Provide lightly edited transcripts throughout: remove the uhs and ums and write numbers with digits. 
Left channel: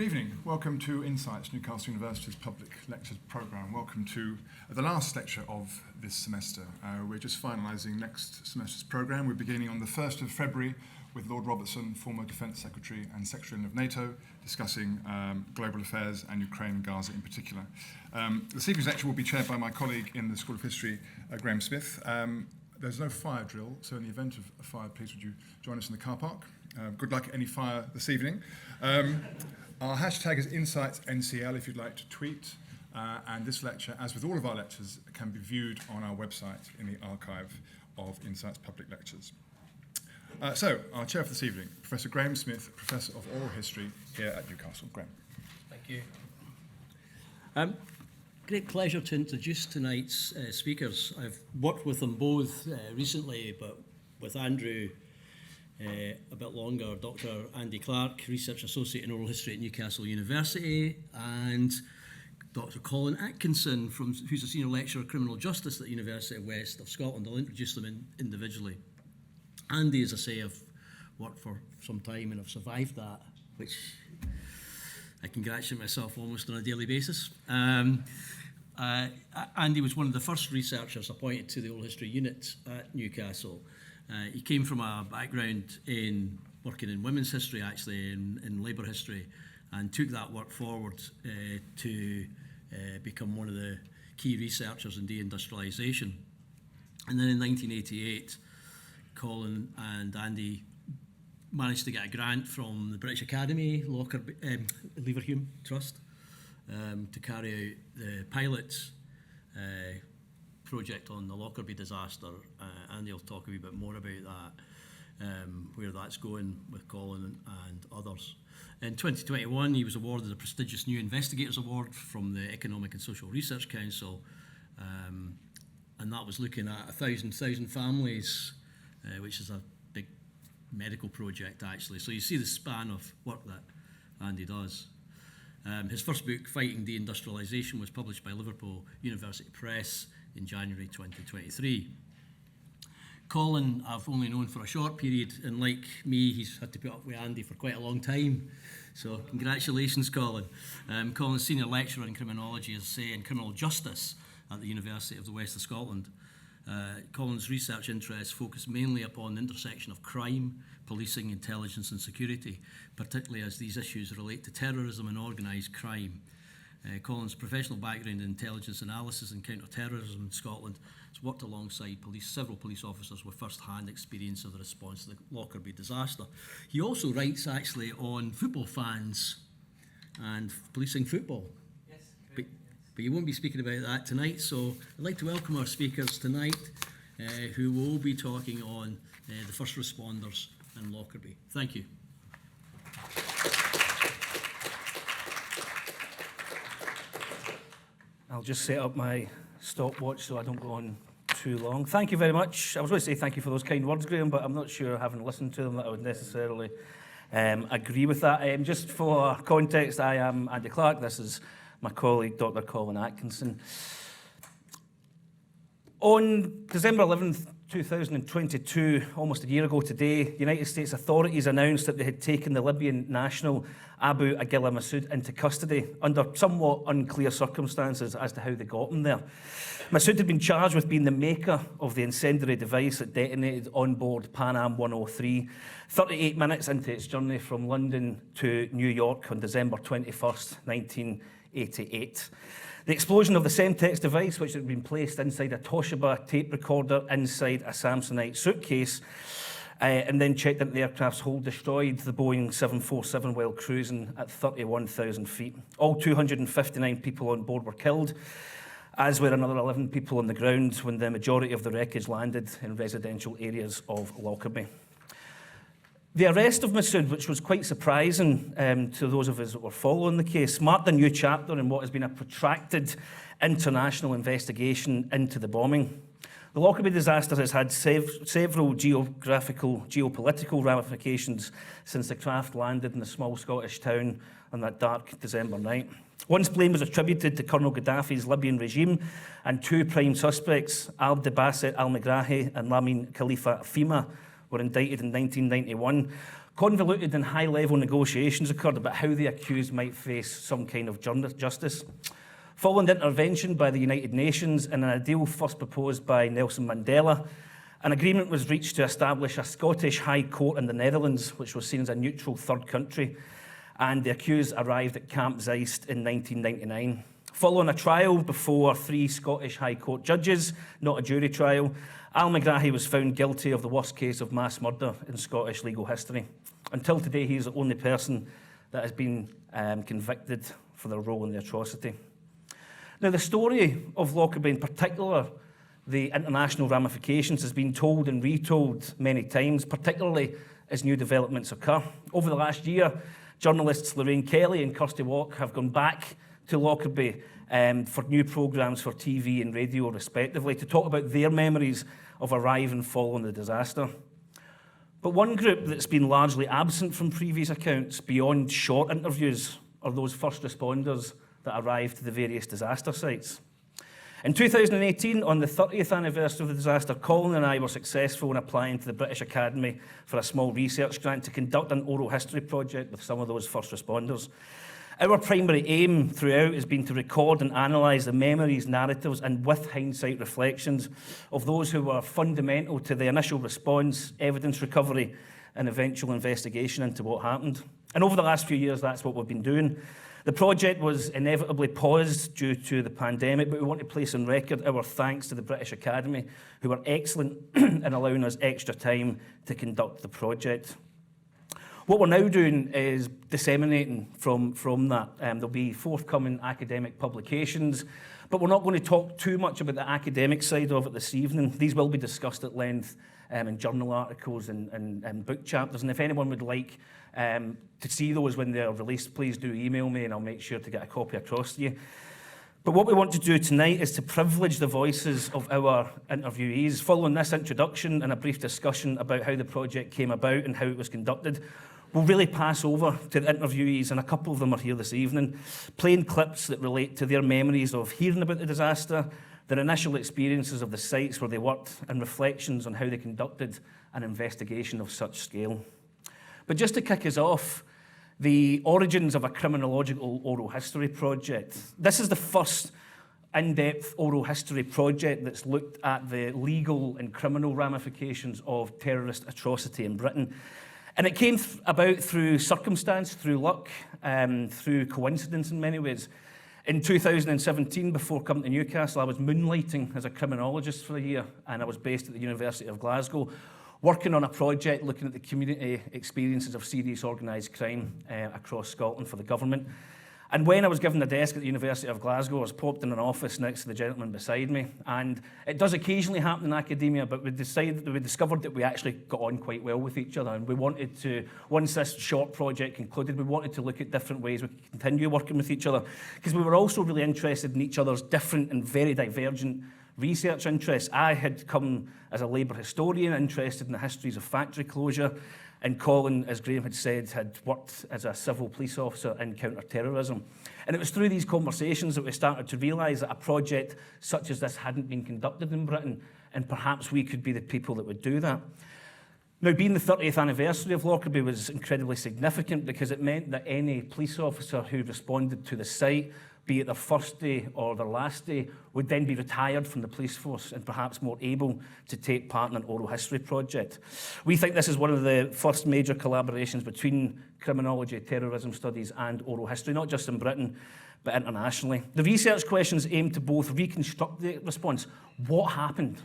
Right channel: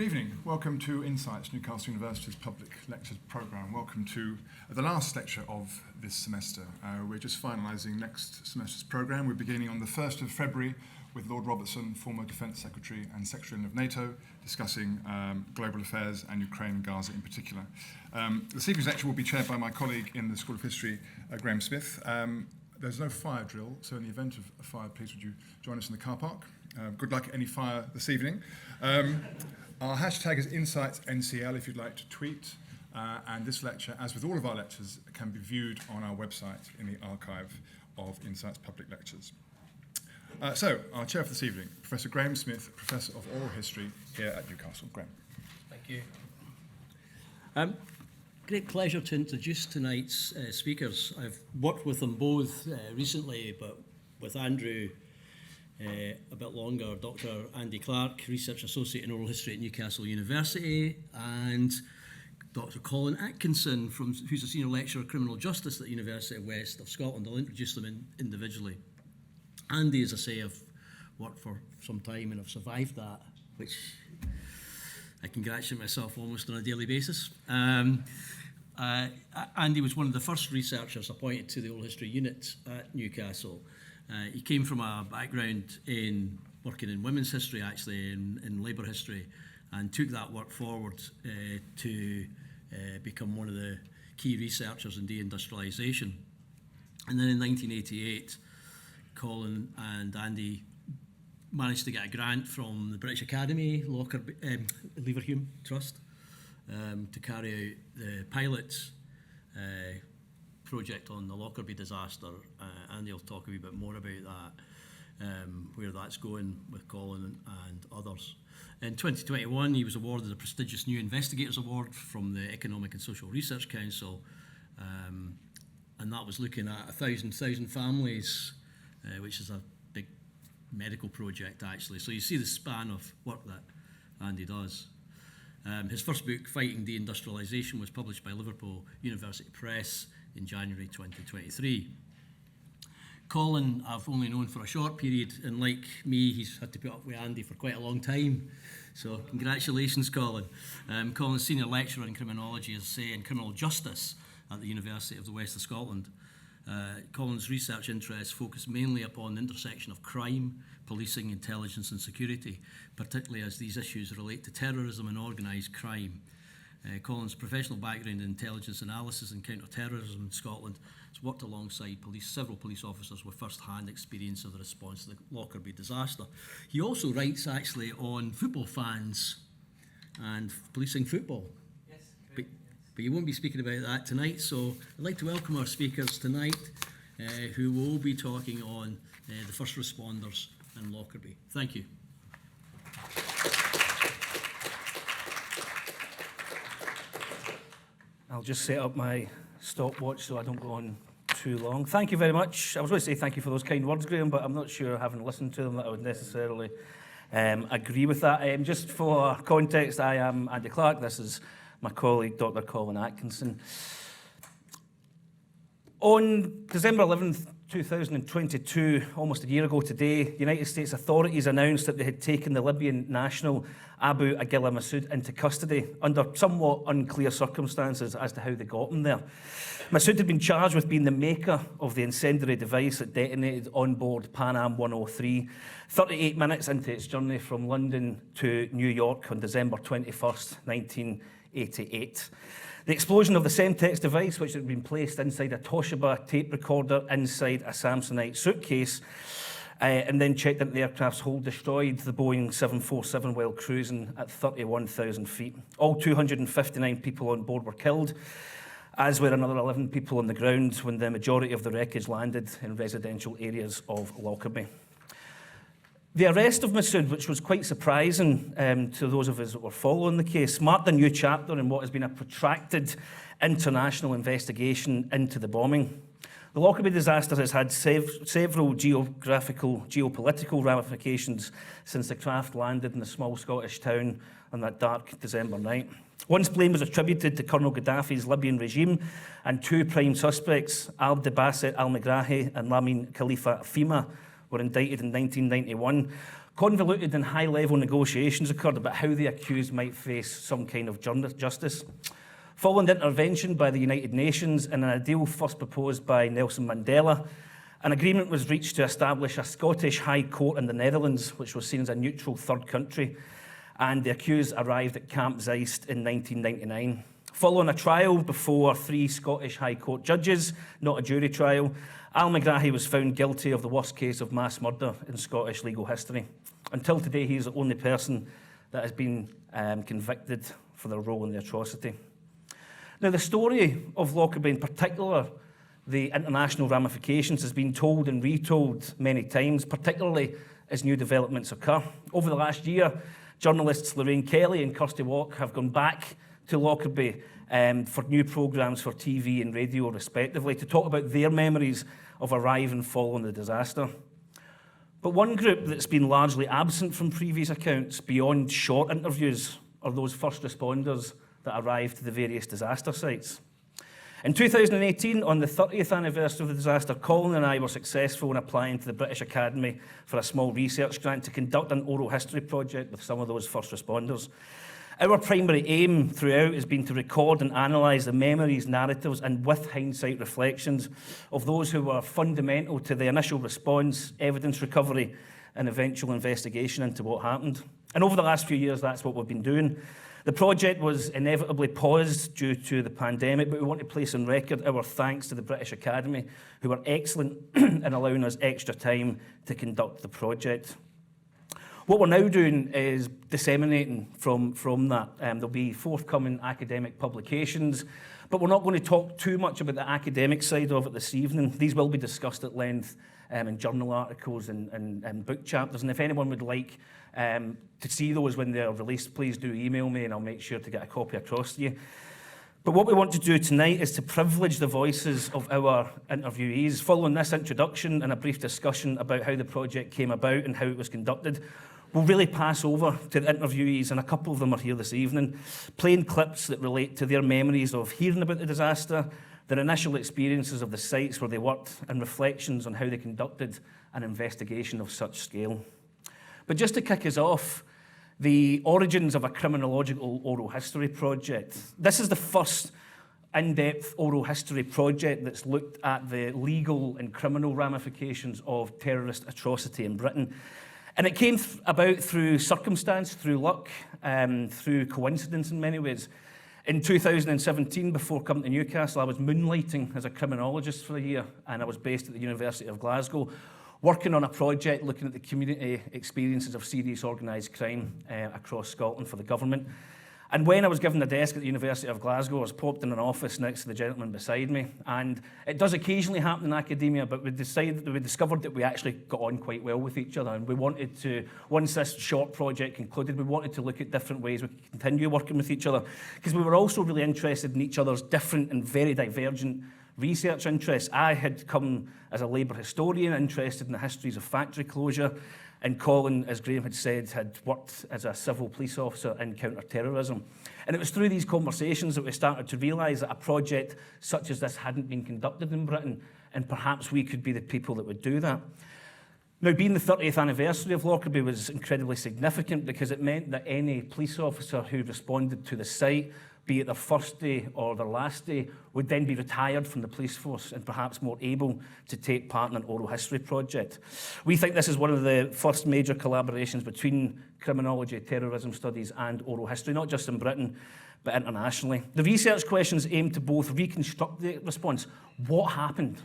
Good evening. Welcome to Insights, Newcastle University's public lectures programme. Welcome to the last lecture of this semester. We're just finalising next semester's programme. We're beginning on the 1st of February with Lord Robertson, former Defence Secretary and Secretary of NATO, discussing global affairs and Ukraine and Gaza in particular. This evening's lecture will be chaired by my colleague in the School of History, Graham Smith. There's no fire drill, so in the event of a fire, please would you join us in the car park. Good luck at any fire this evening. Our hashtag is InsightsNCL if you'd like to tweet. And this lecture, as with all of our lectures, can be viewed on our website in the archive of Insights Public Lectures. So, our chair for this evening, Professor Graham Smith, Professor of Oral History here at Newcastle. Graham. Thank you. Great pleasure to introduce tonight's speakers. I've worked with them both recently, but with Andrew a bit longer, Dr. Andy Clark, Research Associate in Oral History at Newcastle University, and Dr. Colin Atkinson, who's a Senior Lecturer of Criminal Justice at the University of West of Scotland. I'll introduce them individually. Andy, as I say, I've worked for some time and I've survived that, which I congratulate myself almost on a daily basis. Andy was one of the first researchers appointed to the Oral History Unit at Newcastle. He came from a background in working in women's history, actually, in labour history, and took that work forward to become one of the key researchers in deindustrialisation. And then in 1988, Colin and Andy managed to get a grant from the British Academy, Leverhulme Trust, to carry out the pilot project on the Lockerbie Disaster. Andy will talk a wee bit more about that, where that's going with Colin and others. In 2021, he was awarded the prestigious New Investigators Award from the Economic and Social Research Council, and that was looking at 1,000 families, which is a big medical project, actually. So you see the span of work that Andy does. His first book, Fighting Deindustrialisation, was published by Liverpool University Press in January 2023. Colin, I've only known for a short period, and like me, he's had to put up with Andy for quite a long time. So congratulations, Colin. Colin's Senior Lecturer in Criminology, as I say, and Criminal Justice at the University of the West of Scotland. Colin's research interests focus mainly upon the intersection of crime, policing, intelligence and security, particularly as these issues relate to terrorism and organised crime. Colin's professional background in intelligence analysis and counter-terrorism in Scotland has worked alongside several police officers with first-hand experience of the response to the Lockerbie disaster. He also writes actually on football fans and policing football. Yes. But you won't be speaking about that tonight, so I'd like to welcome our speakers tonight who will be talking on the first responders and Lockerbie. Thank you. I'll just set up my stopwatch so I don't go on too long. Thank you very much. I was going to say thank you for those kind words, Graham, but I'm not sure, having listened to them, that I would necessarily agree with that. Just for context, I am Andy Clark. This is my colleague, Dr. Colin Atkinson. On December 11th, 2022, almost a year ago today, United States authorities announced that they had taken the Libyan national Abu Aguila Massoud into custody under somewhat unclear circumstances as to how they got him there. Massoud had been charged with being the maker of the incendiary device that detonated on board Pan Am 103, 38 minutes into its journey from London to New York on December 21st, 1988. The explosion of the Semtex device, which had been placed inside a Toshiba tape recorder inside a Samsonite suitcase, and then checked into the aircraft's hold, destroyed the Boeing 747 while cruising at 31,000 feet. All 259 people on board were killed, as were another 11 people on the ground when the majority of the wreckage landed in residential areas of Lockerbie. The arrest of Massoud, which was quite surprising to those of us that were following the case, marked a new chapter in what has been a protracted international investigation into the bombing. The Lockerbie disaster has had several geopolitical ramifications since the craft landed in a small Scottish town on that dark December night. Once blame was attributed to Colonel Gaddafi's Libyan regime, and two prime suspects, Abd Basit al-Megrahi and Lamin Khalifa Fima, were indicted in 1991. Convoluted and high-level negotiations occurred about how the accused might face some kind of justice. Following intervention by the United Nations and an ideal first proposed by Nelson Mandela, an agreement was reached to establish a Scottish High Court in the Netherlands, which was seen as a neutral third country, and the accused arrived at Camp Zeist in 1999. Following a trial before 3 Scottish High Court judges, not a jury trial, Al McGrahy was found guilty of the worst case of mass murder in Scottish legal history. Until today, he is the only person that has been convicted for their role in the atrocity. Now, the story of Lockerbie in particular, the international ramifications, has been told and retold many times, particularly as new developments occur. Over the last year, journalists Lorraine Kelly and Kirsty Walk have gone back to Lockerbie for new programmes for TV and radio, respectively, to talk about their memories of arriving following the disaster. But one group that's been largely absent from previous accounts, beyond short interviews, are those first responders that arrived to the various disaster sites. In 2018, on the 30th anniversary of the disaster, Colin and I were successful in applying to the British Academy for a small research grant to conduct an oral history project with some of those first responders. Our primary aim throughout has been to record and analyse the memories, narratives and with hindsight reflections of those who were fundamental to the initial response, evidence recovery and eventual investigation into what happened. And over the last few years, that's what we've been doing. The project was inevitably paused due to the pandemic, but we want to place on record our thanks to the British Academy, who were excellent in allowing us extra time to conduct the project. What we're now doing is disseminating from that. There'll be forthcoming academic publications, but we're not going to talk too much about the academic side of it this evening. These will be discussed at length in journal articles and book chapters, and if anyone would like to see those when they're released, please do email me and I'll make sure to get a copy across to you. But what we want to do tonight is to privilege the voices of our interviewees. Following this introduction and a brief discussion about how the project came about and how it was conducted, we'll really pass over to the interviewees, and a couple of them are here this evening, playing clips that relate to their memories of hearing about the disaster, their initial experiences of the sites where they worked, and reflections on how they conducted an investigation of such scale. But just to kick us off, the origins of a criminological oral history project. This is the first in-depth oral history project that's looked at the legal and criminal ramifications of terrorist atrocity in Britain. And it came about through circumstance, through luck, through coincidence in many ways. In 2017, before coming to Newcastle, I was moonlighting as a criminologist for a year, and I was based at the University of Glasgow, working on a project looking at the community experiences of serious organised crime across Scotland for the government. And when I was given a desk at the University of Glasgow, I was popped in an office next to the gentleman beside me. And it does occasionally happen in academia, but we discovered that we actually got on quite well with each other. And we wanted to, once this short project concluded, we wanted to look at different ways we could continue working with each other, because we were also really interested in each other's different and very divergent research interests. I had come as a labour historian, interested in the histories of factory closure, and Colin, as Graham had said, had worked as a civil police officer in counter-terrorism. And it was through these conversations that we started to realise that a project such as this hadn't been conducted in Britain, and perhaps we could be the people that would do that. Now, being the 30th anniversary of Lockerbie was incredibly significant, because it meant that any police officer who responded to the site, be it their first day or their last day, would then be retired from the police force and perhaps more able to take part in an oral history project. We think this is one of the first major collaborations between criminology, terrorism studies and oral history, not just in Britain, but internationally. The research questions aim to both reconstruct the response. What happened?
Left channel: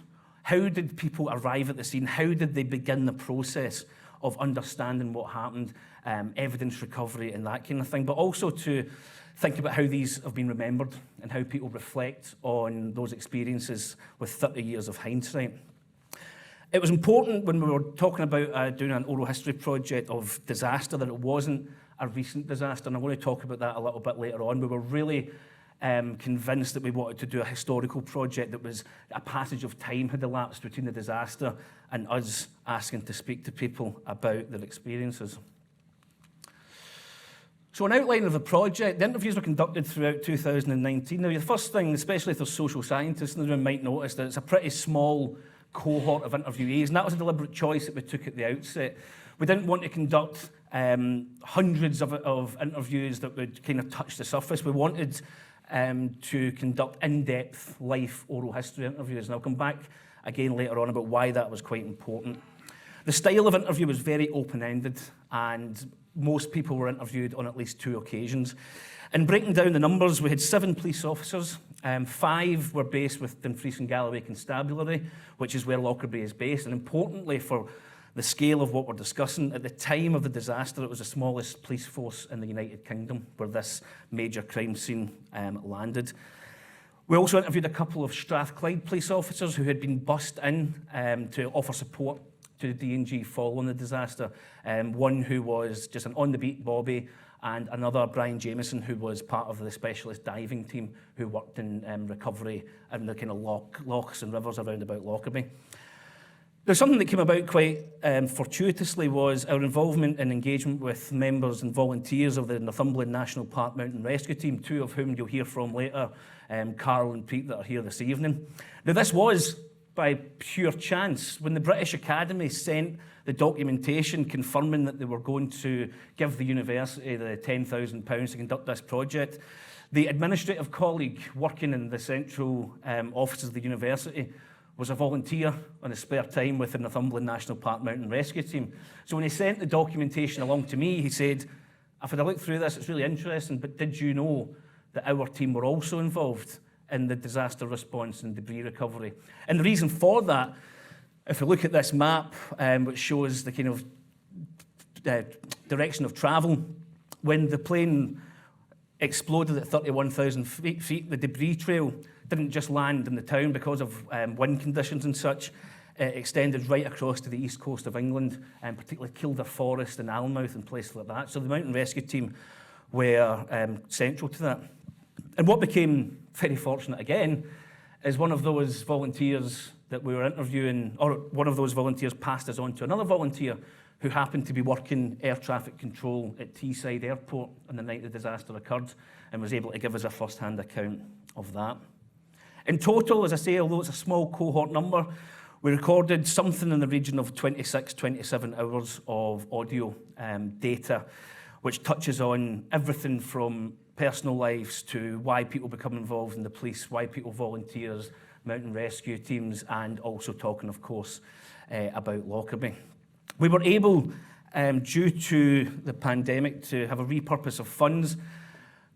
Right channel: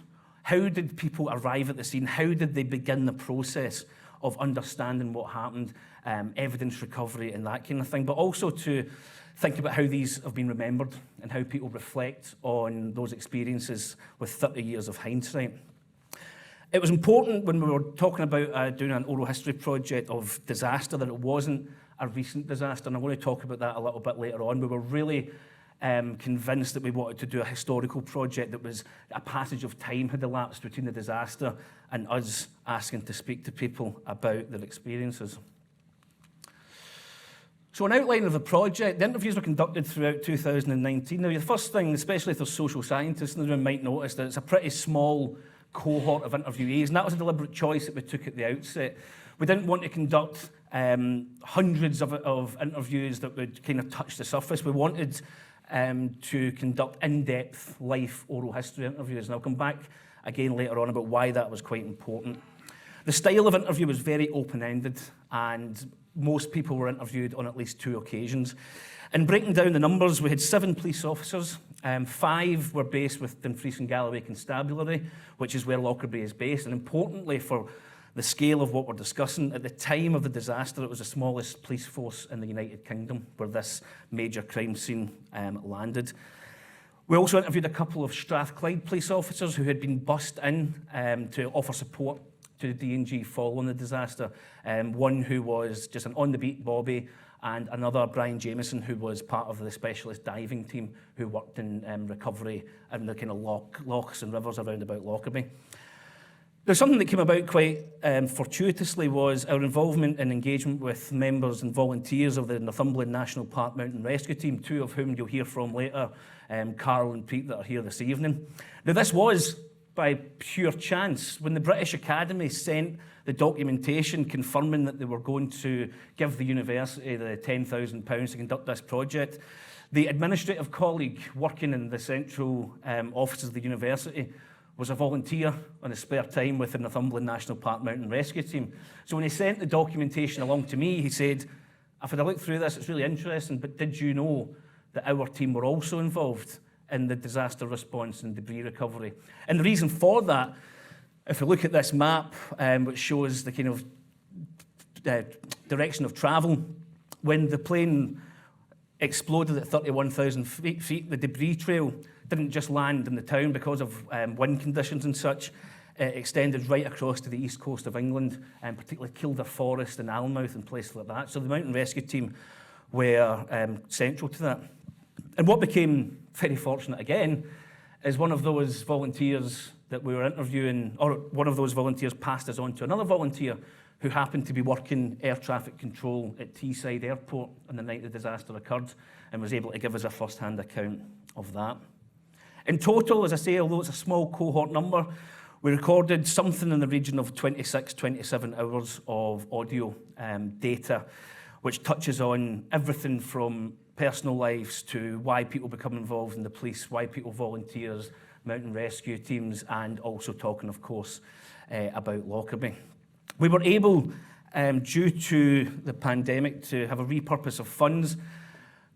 How did people arrive at the scene? How did they begin the process of understanding what happened, evidence recovery and that kind of thing, but also to think about how these have been remembered and how people reflect on those experiences with 30 years of hindsight. It was important when we were talking about doing an oral history project of disaster that it wasn't a recent disaster, and I'm going to talk about that a little bit later on. We were really convinced that we wanted to do a historical project that was a passage of time had elapsed between the disaster and us asking to speak to people about their experiences. So an outline of the project, the interviews were conducted throughout 2019. Now, the first thing, especially if there's social scientists in the room, might notice that it's a pretty small cohort of interviewees, and that was a deliberate choice that we took at the outset. We didn't want to conduct hundreds of interviews that would kind of touch the surface. We wanted to conduct in-depth life oral history interviews, and I'll come back again later on about why that was quite important. The style of interview was very open-ended, and most people were interviewed on at least 2 occasions. In breaking down the numbers, we had 7 police officers. 5 were based with Dumfries and Galloway Constabulary, which is where Lockerbie is based. And importantly, for the scale of what we're discussing, at the time of the disaster, it was the smallest police force in the United Kingdom where this major crime scene landed. We also interviewed a couple of Strathclyde police officers who had been bussed in to offer support to the D&G following the disaster. One who was just an on-the-beat Bobby, and another, Brian Jameson, who was part of the specialist diving team who worked in recovery in the kind of lochs and rivers around about Lockerbie. There's something that came about quite fortuitously was our involvement and engagement with members and volunteers of the Northumberland National Park Mountain Rescue Team, 2 of whom you'll hear from later, Carl and Pete, that are here this evening. Now, this was by pure chance. When the British Academy sent the documentation confirming that they were going to give the university the £10,000 to conduct this project, the administrative colleague working in the central offices of the university was a volunteer on his spare time with the Northumberland National Park Mountain Rescue Team. So when he sent the documentation along to me, he said, "I've had a look through this, it's really interesting, but did you know that our team were also involved in the disaster response and debris recovery?" And the reason for that, if you look at this map, which shows the kind of direction of travel, when the plane exploded at 31,000 feet, the debris trail didn't just land in the town because of wind conditions and such. It extended right across to the east coast of England, and particularly Kielder Forest and Alnmouth and places like that. So the mountain rescue team were central to that. And what became very fortunate again is one of those volunteers that we were interviewing, or one of those volunteers passed us on to another volunteer who happened to be working air traffic control at Teesside Airport on the night the disaster occurred, and was able to give us a first-hand account of that. In total, as I say, although it's a small cohort number, we recorded something in the region of 26, 27 hours of audio data, which touches on everything from personal lives to why people become involved in the police, why people volunteers, mountain rescue teams, and also talking, of course, about Lockerbie. We were able, due to the pandemic, to have a repurpose of funds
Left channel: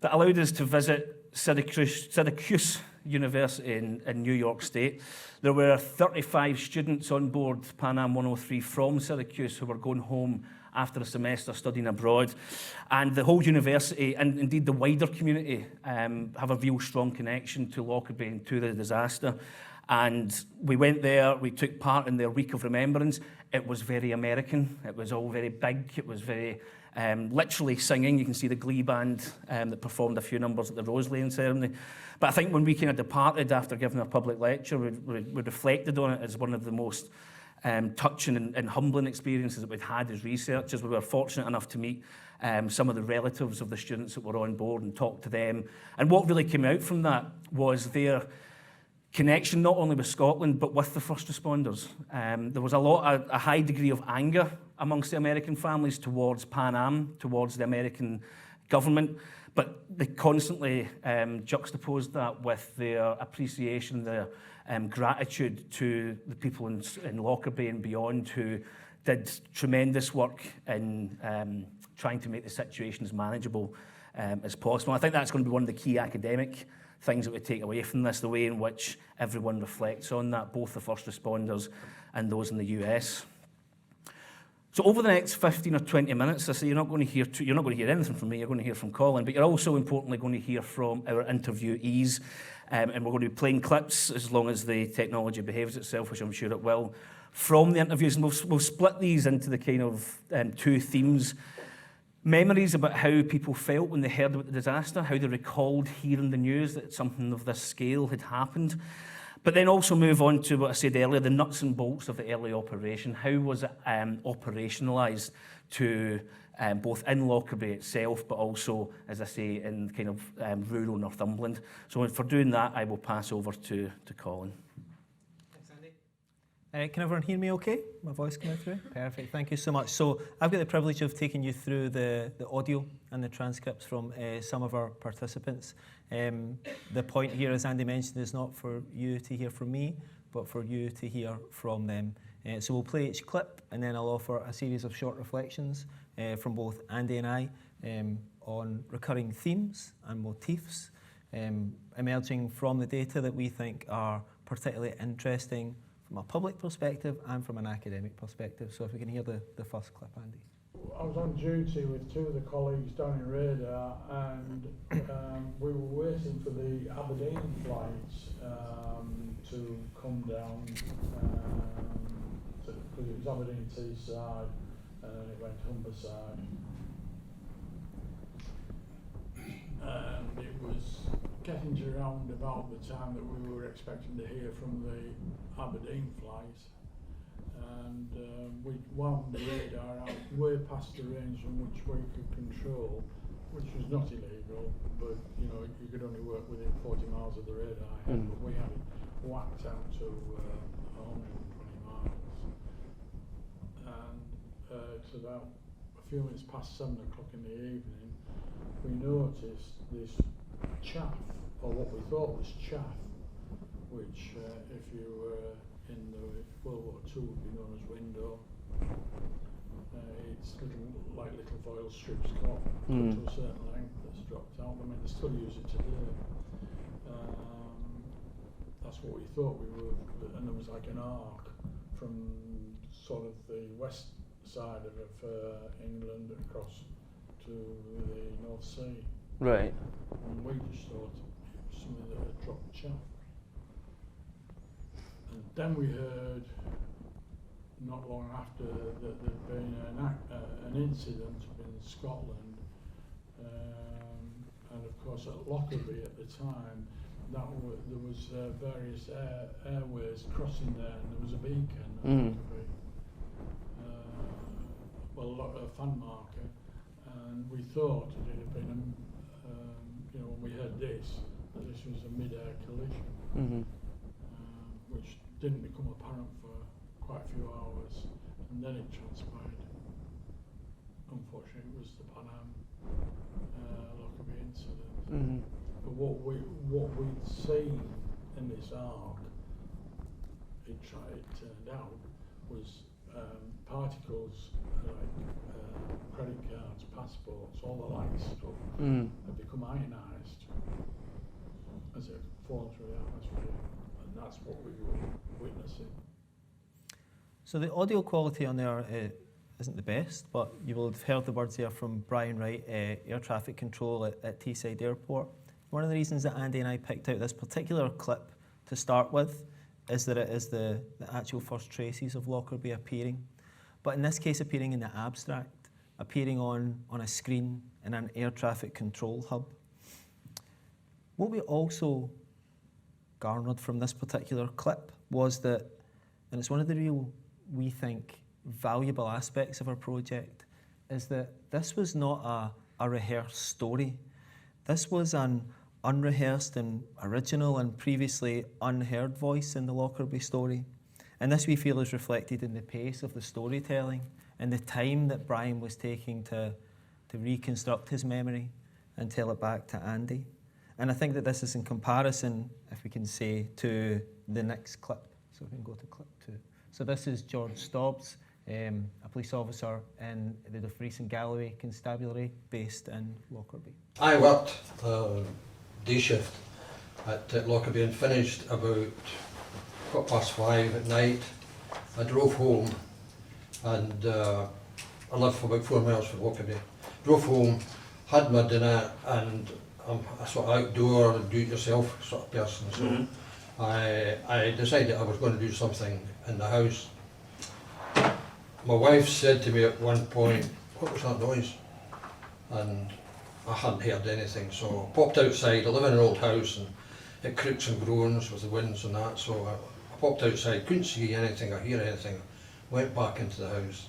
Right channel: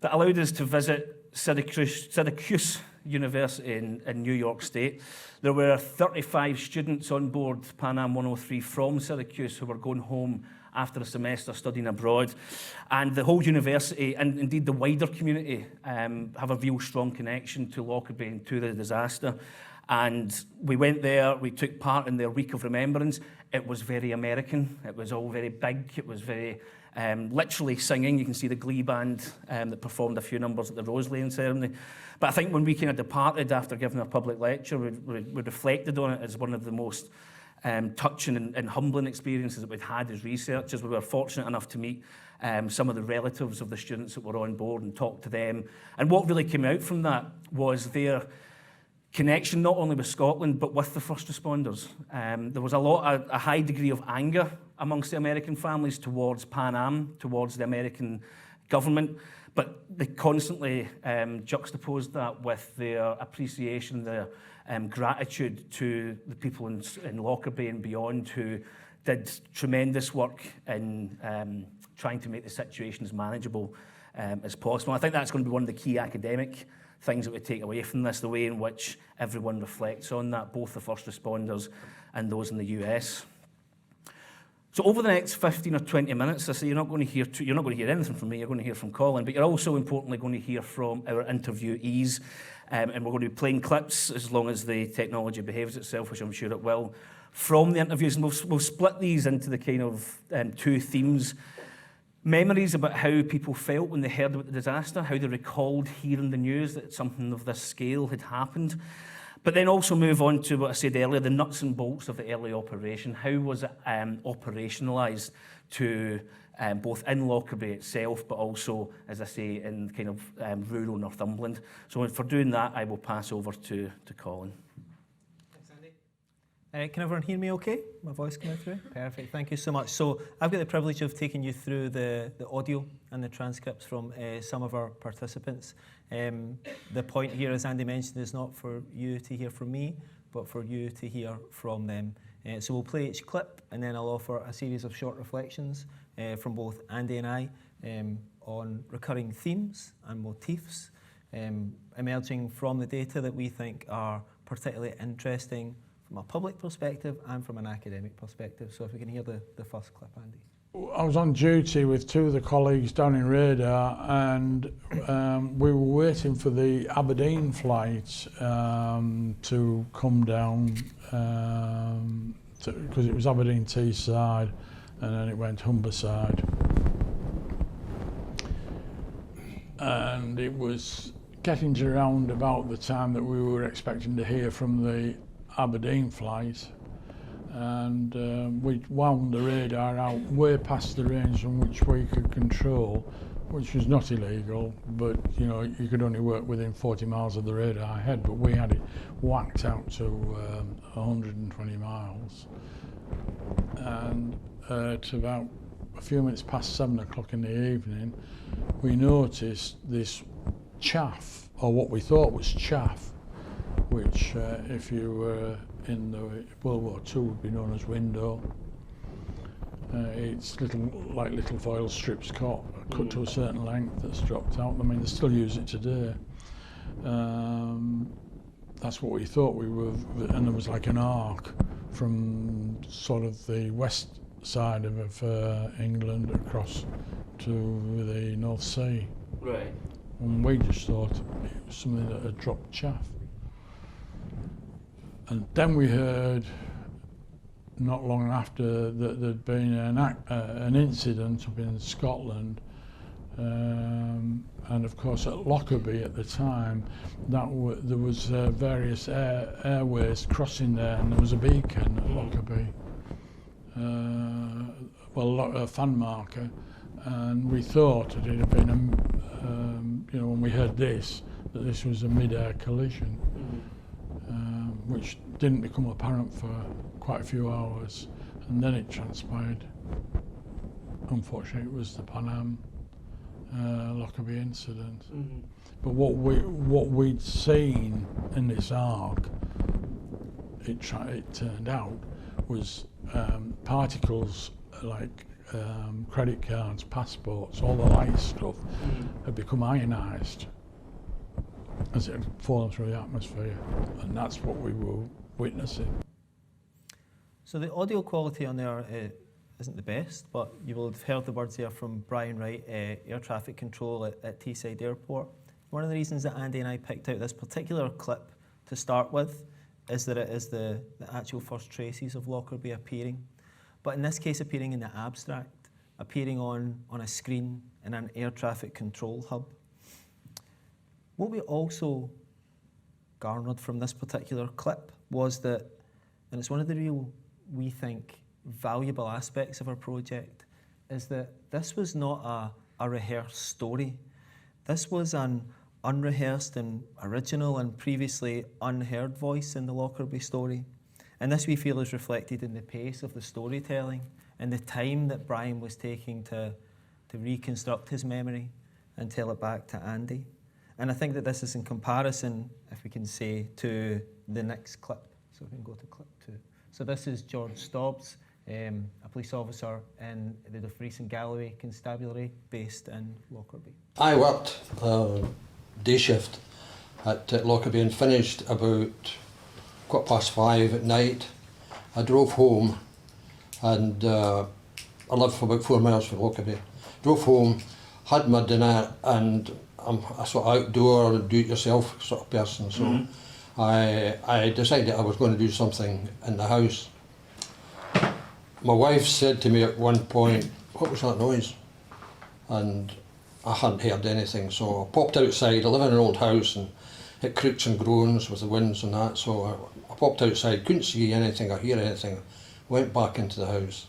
that allowed us to visit Syracuse University in New York State. There were 35 students on board Pan Am 103 from Syracuse who were going home after a semester studying abroad. And the whole university, and indeed the wider community, have a real strong connection to Lockerbie and to the disaster. And we went there, we took part in their week of remembrance. It was very American. It was all very big. It was very literally singing. You can see the glee band that performed a few numbers at the Rose Lane ceremony. But I think when we kind of departed after giving a public lecture, we reflected on it as one of the most touching and humbling experiences that we'd had as researchers. We were fortunate enough to meet some of the relatives of the students that were on board and talk to them. And what really came out from that was their connection not only with Scotland but with the first responders. There was a high degree of anger amongst the American families towards Pan Am, towards the American government, but they constantly juxtaposed that with their appreciation, their gratitude to the people in Lockerbie and beyond who did tremendous work in trying to make the situation as manageable as possible. I think that's going to be one of the key academic things that we take away from this, the way in which everyone reflects on that, both the first responders and those in the US. So over the next 15 or 20 minutes, I say you're not going to hear anything from me, you're going to hear from Colin, but you're also importantly going to hear from our interviewees, and we're going to be playing clips as long as the technology behaves itself, which I'm sure it will, from the interviews, and we'll split these into the kind of 2 themes. Memories about how people felt when they heard about the disaster, how they recalled hearing the news that something of this scale had happened. But then also move on to what I said earlier, the nuts and bolts of the early operation. How was it operationalised to both in Lockerbie itself, but also, as I say, in kind of rural Northumberland. So for doing that, I will pass over to Colin. Thanks, Andy. Can everyone hear me okay? My voice coming through? Perfect, thank you so much. So I've got the privilege of taking you through the audio and the transcripts from some of our participants. The point here, as Andy mentioned, is not for you to hear from me, but for you to hear from them. So we'll play each clip and then I'll offer a series of short reflections from both Andy and I on recurring themes and motifs emerging from the data that we think are particularly interesting from a public perspective and from an academic perspective. So if we can hear the first clip, Andy. I was on duty with two of the colleagues down in Radar, and we were waiting for the Aberdeen flight to come down, because it was Aberdeen Teesside and then it went Humberside. And it was getting to around about the time that we were expecting to hear from the Aberdeen flight, and we wound the radar out way past the range from which we could control, which was not illegal, but you know, you could only work within 40 miles of the radar ahead, but we had it whacked out to 120 miles. And at about a few minutes past 7 o'clock in the evening, we noticed this chaff, or what we thought was chaff, which if you were in the World War II would be known as window. It's like little foil strips cut to a certain length that's dropped out. I mean, they still use it today. That's what we thought we were, and there was like an arc from sort of the west side of England across to the North Sea. Right. And we just thought it was something that had dropped chaff. And then we heard, not long after, that there'd been an incident up in Scotland, and of course at Lockerbie at the time, there was various airways crossing there, and there was a beacon at Lockerbie, a fan marker, and we thought that it had been, you know, when we heard this, that this was a mid-air collision. Which didn't become apparent for quite a few hours, and then it transpired. Unfortunately, it was the Pan Am Lockerbie incident. But what we'd seen in this arc, it turned out, was particles like credit cards, passports, all the light stuff had become ionised as it had fallen through the atmosphere, and that's what we were witnessing. So the audio quality on there isn't the best, but you will have heard the words there from Brian Wright, air traffic control at Teesside Airport. One of the reasons that Andy and I picked out this particular clip to start with is that it is the actual first traces of Lockerbie appearing, but in this case appearing in the abstract, appearing on a screen in an air traffic control hub. What we also garnered from this particular clip was that, and it's one of the real, we think, valuable aspects of our project, is that this was not a rehearsed story. This was an unrehearsed and original and previously unheard voice in the Lockerbie story. And this we feel is reflected in the pace of the storytelling and the time that Brian was taking to reconstruct his memory and tell it back to Andy. And I think that this is in comparison, if we can say, to the next clip. So we can go to clip 2. So this is George Stobbs, a police officer in the Dumfries and Galloway Constabulary based in Lockerbie. I worked day shift at Lockerbie and finished about 5:15 at night. I drove home, and I lived for about 4 miles from Lockerbie. Drove home, had my dinner, and I'm a sort of outdoor, do-it-yourself sort of person, so I decided I was going to do something in the house. My wife said to me at one point, "What was that noise?" And I hadn't heard anything, so I popped outside. I live in an old house and it creaks and groans with the winds and that, so I popped outside, couldn't see anything or hear anything, went back into the house.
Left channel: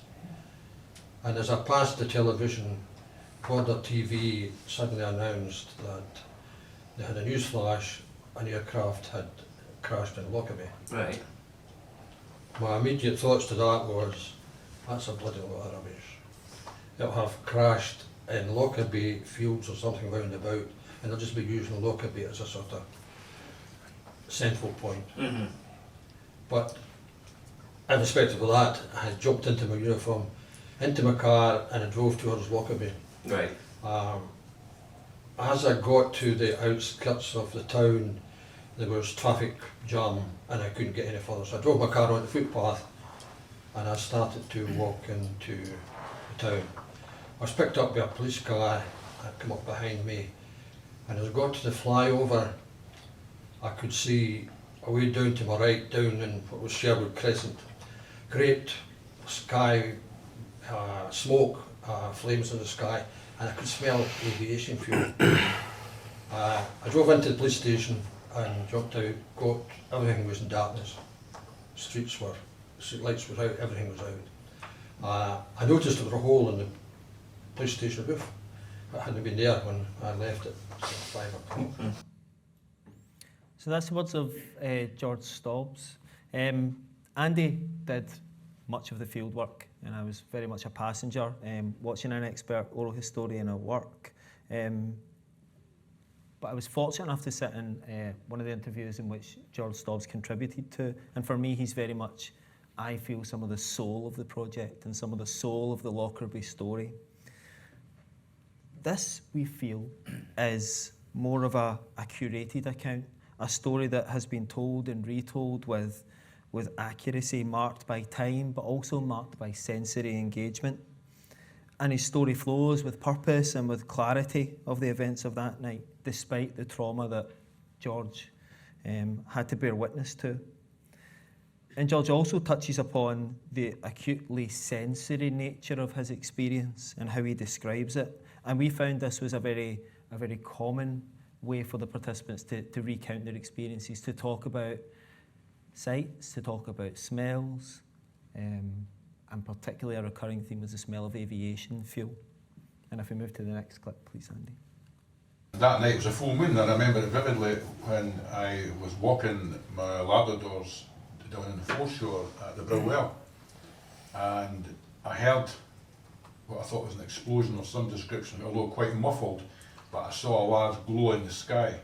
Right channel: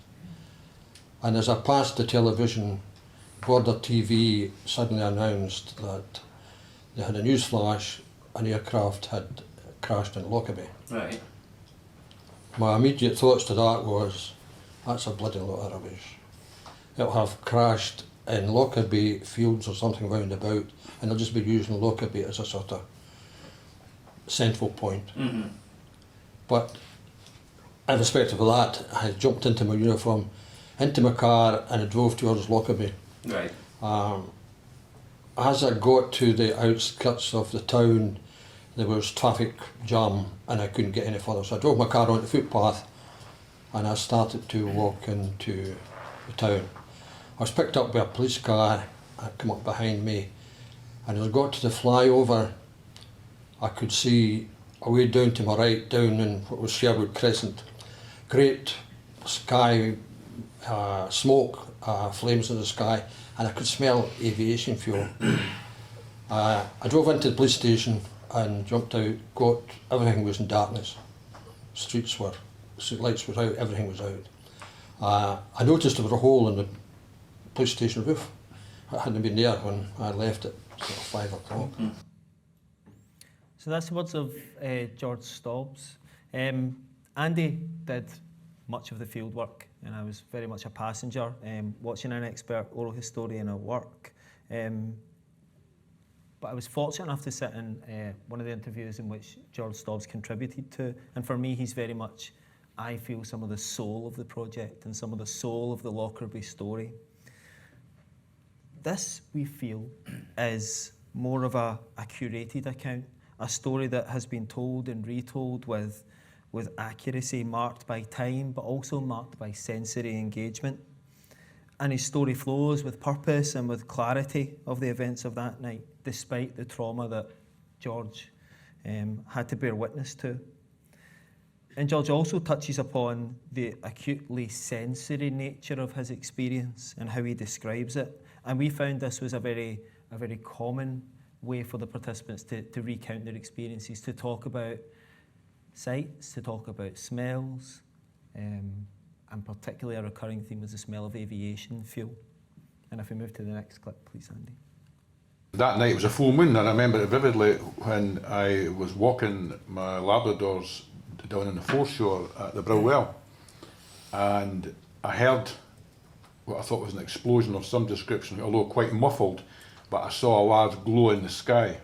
And as I passed the television, Border TV suddenly announced that they had a news flash, an aircraft had crashed in Lockerbie. Right. my immediate thoughts to that was, that's a bloody lot of rubbish. It'll have crashed in Lockerbie fields or something round about, and they'll just be using Lockerbie as a sort of central point. But in respect of that, I had jumped into my uniform, into my car, and I drove towards Lockerbie. Right. As I got to the outskirts of the town, there was traffic jam and I couldn't get any further. So I drove my car onto the footpath and I started to walk into the town. I was picked up by a police car, had come up behind me, and as I got to the flyover, I could see away down to my right, down in what was Sherwood Crescent, great sky, smoke, flames in the sky, and I could smell aviation fuel. I drove into the police station and jumped out, everything was in darkness. Street lights were out, everything was out. I noticed there was a hole in the police station roof. It hadn't been there when I left at 5 o'clock. So that's the words of George Stobbs. Andy did much of the field work, and I was very much a passenger, watching an expert oral historian at work. But I was fortunate enough to sit in one of the interviews in which George Stobbs contributed to, and for me he's very much, I feel, some of the soul of the project and some of the soul of the Lockerbie story. This, we feel, is more of a curated account, a story that has been told and retold with accuracy marked by time, but also marked by sensory engagement. And his story flows with purpose and with clarity of the events of that night, despite the trauma that George had to bear witness to. And George also touches upon the acutely sensory nature of his experience and how he describes it. And we found this was a very common way for the participants to recount their experiences, to talk about sights, to talk about smells, and particularly a recurring theme was the smell of aviation fuel. And if we move to the next clip, please, Andy. That night was a full moon, and I remember it vividly when I was walking my Labradors down in the foreshore at the Brill Well, and I heard what I thought was an explosion of some description, although quite muffled, but I saw a large glow in the sky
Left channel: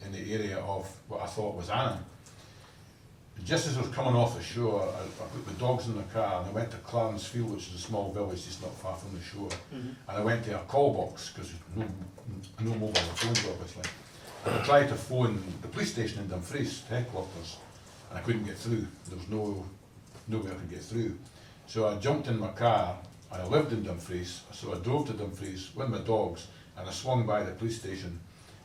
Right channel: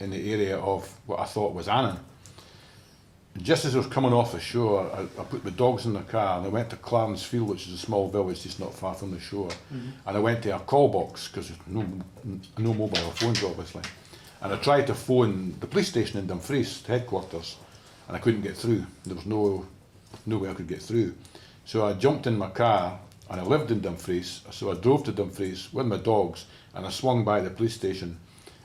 in the area of what I thought was Annan. Just as I was coming off the shore, I put the dogs in the car and I went to Clarence Field, which is a small village just not far from the shore. And I went to a call box, because there's no mobile phones obviously. And I tried to phone the police station in Dumfries, headquarters, and I couldn't get through. There was no way I could get through. So I jumped in my car, and I lived in Dumfries, so I drove to Dumfries with my dogs, and I swung by the police station.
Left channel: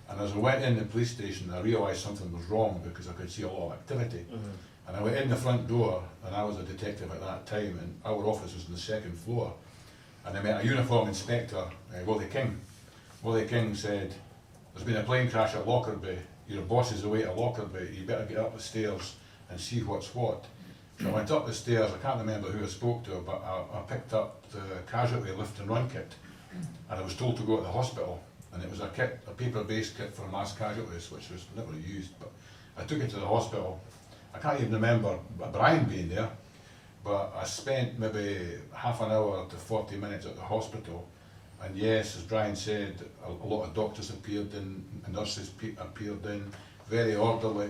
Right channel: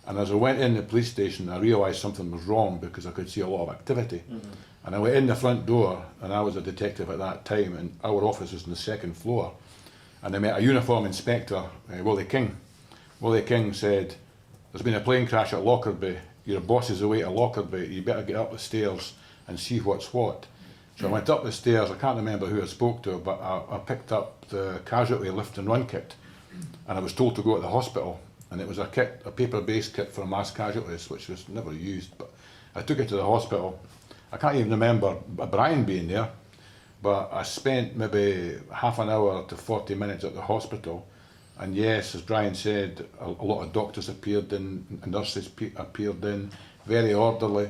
And as I went in the police station, I realised something was wrong because I could see a lot of activity. And I went in the front door, and I was a detective at that time, and our office was on the second floor. And I met a uniform inspector, Willie King. Willie King said, "There's been a plane crash at Lockerbie. Your boss is away at Lockerbie. You better get up the stairs and see what's what." So I went up the stairs. I can't remember who I spoke to, but I picked up the casualty lift and run kit, and I was told to go to the hospital. And it was a kit, a paper-based kit for mass casualties, which was never used. But I took it to the hospital. I can't even remember Brian being there, but I spent maybe half an hour to 40 minutes at the hospital. And yes, as Brian said, a lot of doctors appeared in, nurses appeared in, very orderly,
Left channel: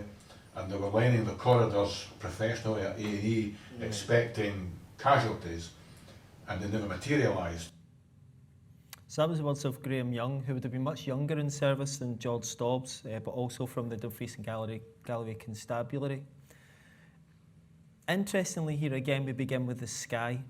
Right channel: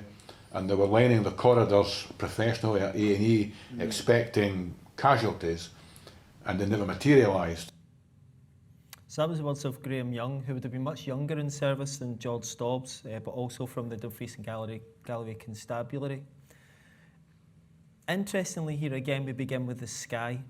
and they were lining the corridors professionally at A&E, expecting casualties, and they never materialised. So that was the words of Graham Young, who would have been much younger in service than George Stobbs, but also from the Dumfries and Galloway Constabulary. Interestingly, here again we begin with the sky.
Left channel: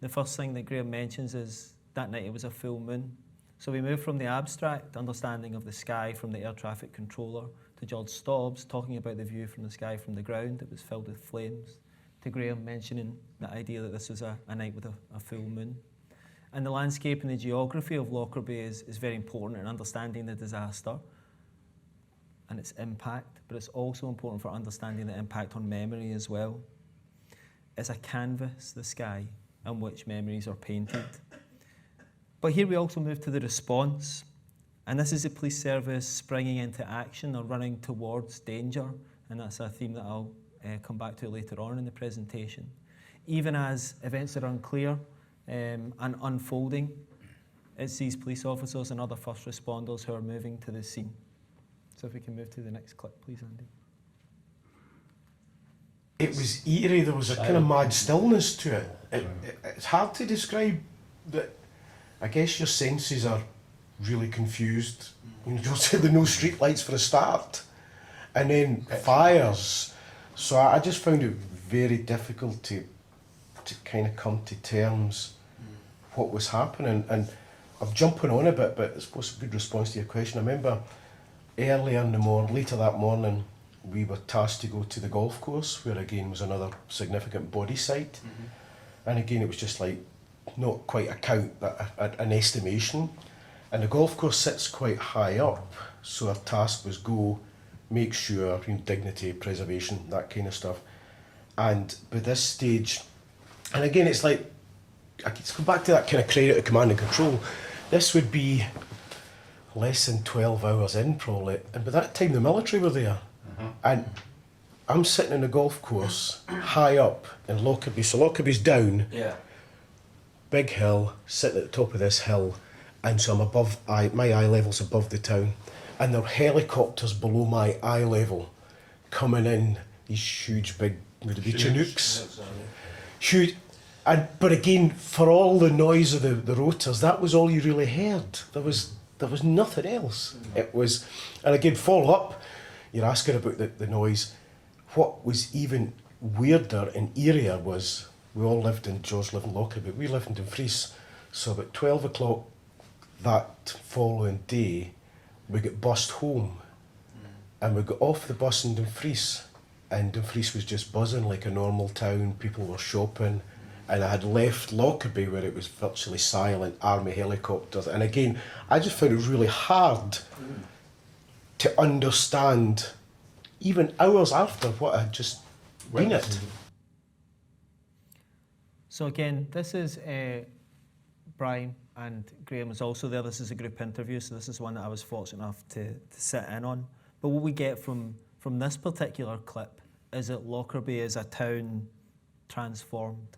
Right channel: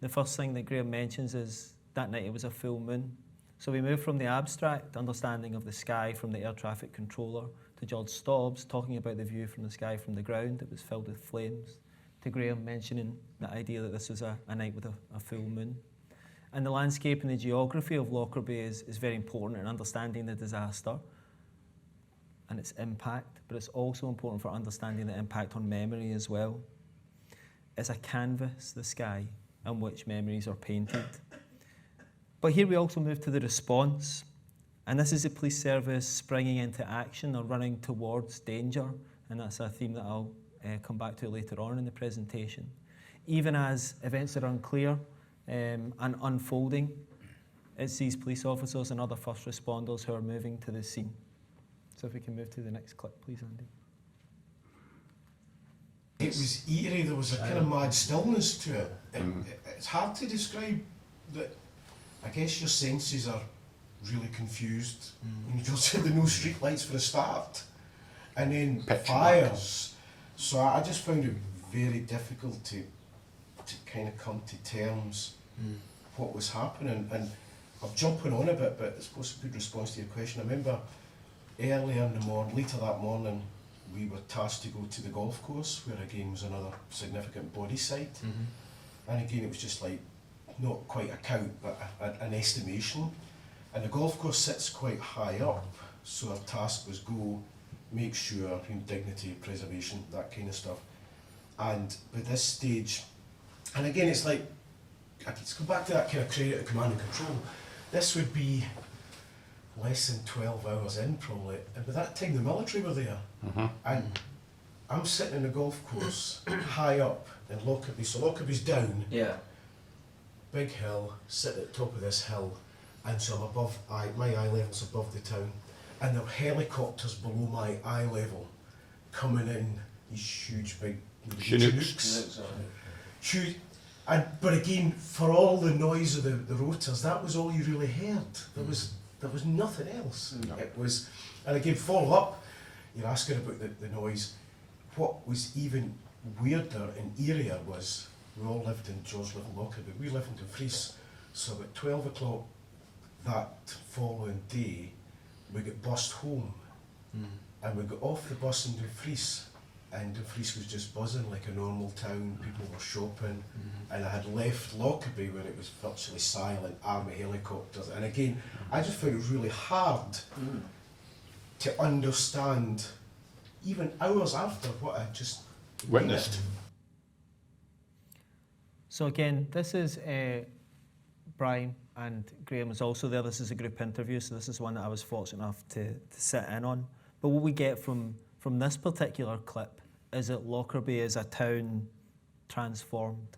The first thing that Graham mentions is that night it was a full moon. So we move from the abstract understanding of the sky from the air traffic controller to George Stobbs talking about the view from the sky from the ground. It was filled with flames, to Graham mentioning the idea that this was a night with a full moon. And the landscape and the geography of Lockerbie is very important in understanding the disaster and its impact, but it's also important for understanding the impact on memory as well. It's a canvas, the sky, on which memories are painted. But here we also move to the response, and this is the police service springing into action or running towards danger, and that's a theme that I'll come back to later on in the presentation. Even as events are unclear and unfolding, it's these police officers and other first responders who are moving to the scene. So if we can move to the next clip, please, Andy. It was eerie, there was a kind of mad stillness to it. It's hard to describe that. I guess your senses are really confused when you go to the no street lights for a start, and then fires. So I just found it very difficult to kind of come to terms what was happening. And I'm jumping on a bit, but it's supposed to be a good response to your question. I remember earlier in the morning, later that morning, we were tasked to go to the golf course, where again was another significant body site. And again, it was just like, not quite a count, but an estimation. And the golf course sits quite high up, so our task was go, make sure, dignity, preservation, that kind of stuff. And by this stage, and again, it's like, I can come back to that kind of credit of command and control. This would be less than 12 hours in, probably. And by that time, the military were there. And I'm sitting in the golf course, high up in Lockerbie. So Lockerbie's down. Yeah. Big hill, sitting at the top of this hill, and so I'm above, my eye level's above the town, and there are helicopters below my eye level coming in, these huge big Chinooks. Huge, but again, for all the noise of the rotors, that was all you really heard. There was nothing else. No. It was, and again, follow up, you're asking about the noise. What was even weirder and eerier was, we all lived in, George lived in Lockerbie, we lived in Dumfries. So about 12 o'clock that following day, we got bussed home. And we got off the bus in Dumfries, and Dumfries was just buzzing like a normal town, people were shopping. And I had left Lockerbie where it was virtually silent, army helicopters. And again, I just found it really hard to understand, even hours after what I had just witnessed. So again, this is Brian, and Graham is also there. This is a group interview, so this is one that I was fortunate enough to sit in on. But what we get from this particular clip is that Lockerbie is a town transformed.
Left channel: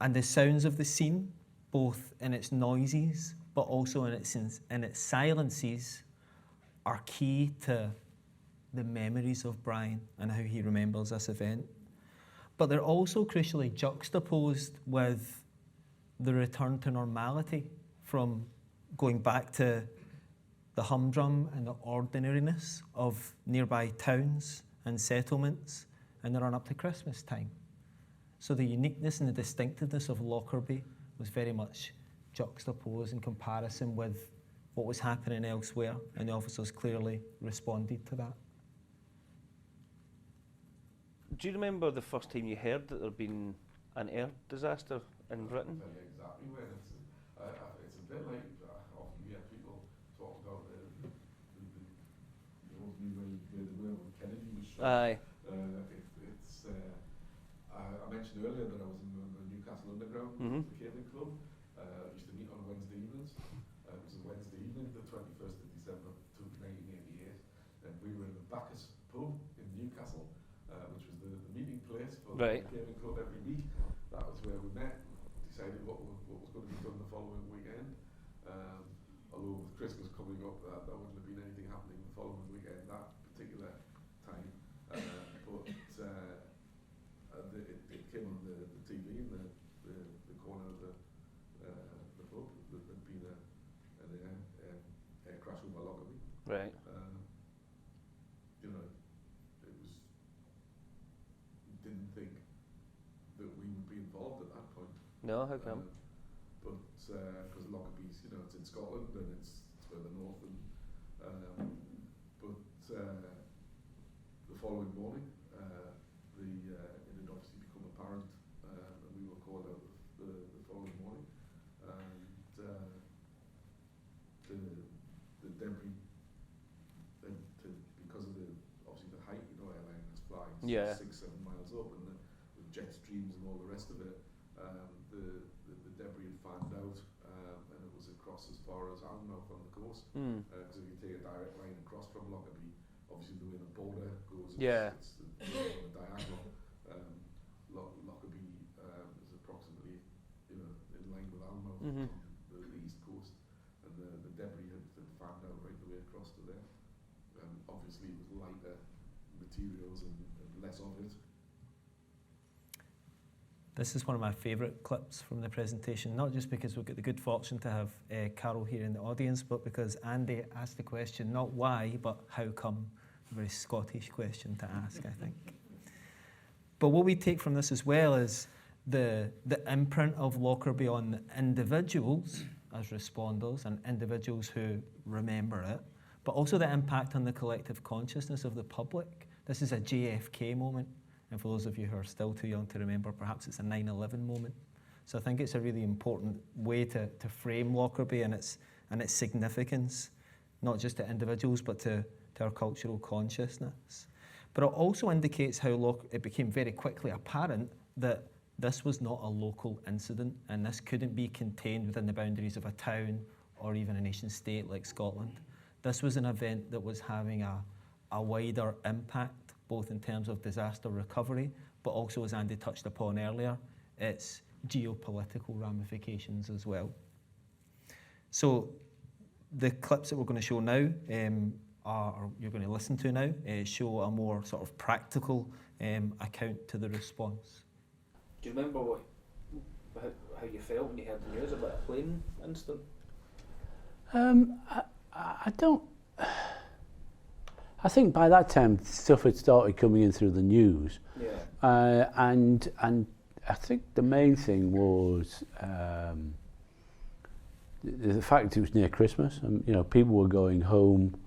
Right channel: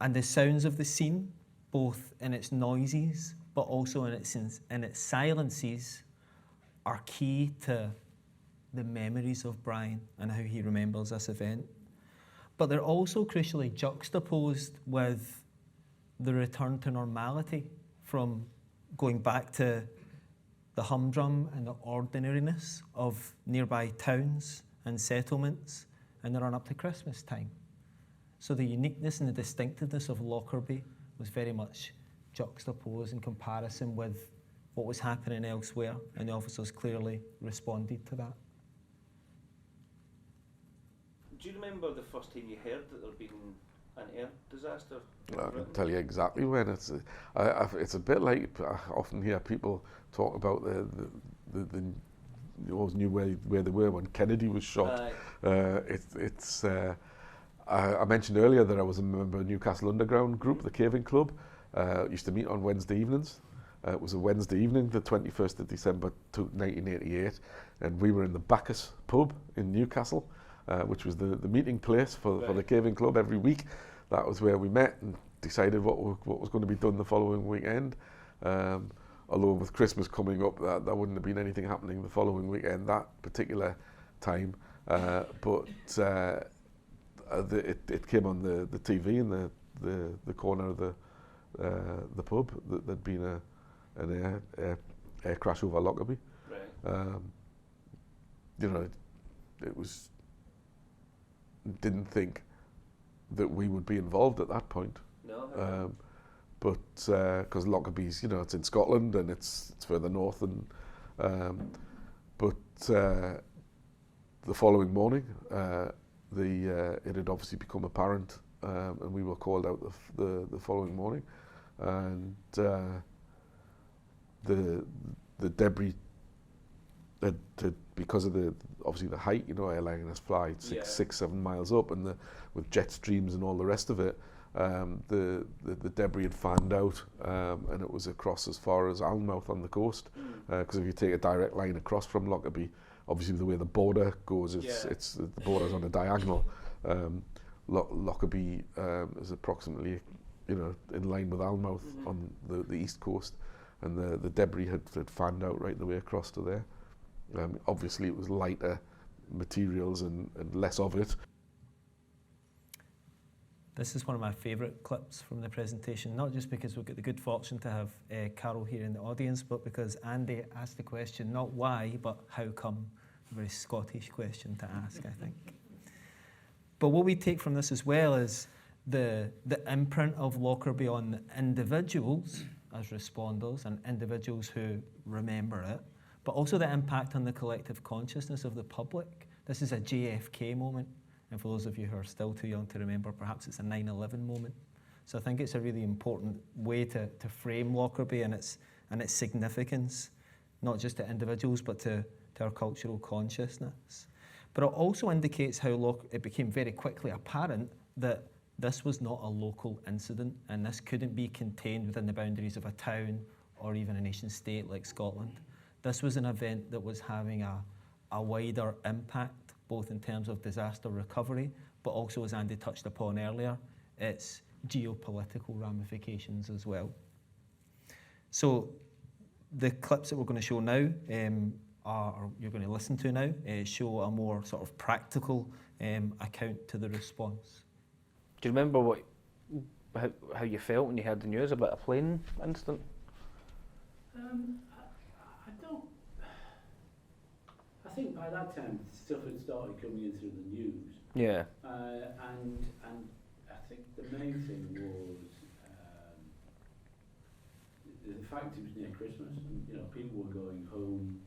And the sounds of the scene, both in its noises, but also in its silences, are key to the memories of Brian and how he remembers this event. But they're also crucially juxtaposed with the return to normality from going back to the humdrum and the ordinariness of nearby towns and settlements in the run up to Christmas time. So the uniqueness and the distinctiveness of Lockerbie was very much juxtaposed in comparison with what was happening elsewhere, and the officers clearly responded to that. Do you remember the first time you heard that there'd been an air disaster in Well, I Britain? can tell you exactly when. It's a bit like, I often hear people talk about you always knew where they were when Kennedy was shot. Aye. I mentioned earlier that I was a member of Newcastle Underground group, the Caving Club. Used to meet on Wednesday evenings. It was a Wednesday evening, the 21st of December 1988, and we were in the Bacchus pub in Newcastle, which was the meeting place for the Caving Club every week. That was where we met and decided what was going to be done the following weekend. Although with Christmas coming up, there wouldn't have been anything happening the following weekend that particular time. It came on the TV in the corner of the pub that there'd been an air crash over Lockerbie. Right. It was, didn't think that we would be involved at that point. No. But because Lockerbie's, it's in Scotland and it's further north, and the following morning, it had obviously become apparent, and we were called out the following morning, and the debris had because of obviously the height, airliners fly 6-7 miles up, and with jet streams and all the rest of it, the debris had fanned out, and it was across as far as Alnmouth on the coast, because if you take a direct line across from Lockerbie, obviously the way the border goes, it's the border's on a diagonal. Lockerbie is approximately, in line with Almouth on the east coast, and the debris had fanned out right the way across to there. Obviously, it was lighter materials and less of it. This is one of my favourite clips from the presentation, not just because we've got the good fortune to have Carol here in the audience, but because Andy asked the question, not why, but how come? A very Scottish question to ask, I think. But what we take from this as well is the imprint of Lockerbie on individuals as responders and individuals who remember it, but also the impact on the collective consciousness of the public. This is a JFK moment. And for those of you who are still too young to remember, perhaps it's a 9/11 moment. So I think it's a really important way to frame Lockerbie and its significance, not just to individuals, but to our cultural consciousness. But it also indicates how it became very quickly apparent that this was not a local incident, and this couldn't be contained within the boundaries of a town or even a nation state like Scotland. This was an event that was having a wider impact, both in terms of disaster recovery, but also, as Andy touched upon earlier, its geopolitical ramifications as well. So the clips that we're going to show now, or you're going to listen to now, show a more sort of practical account to the response. Do you remember how you felt when you heard the news about a plane incident? I don't. I think by that time stuff had started coming in through the news. Yeah. And I think the main thing was the fact it was near Christmas, and people were going home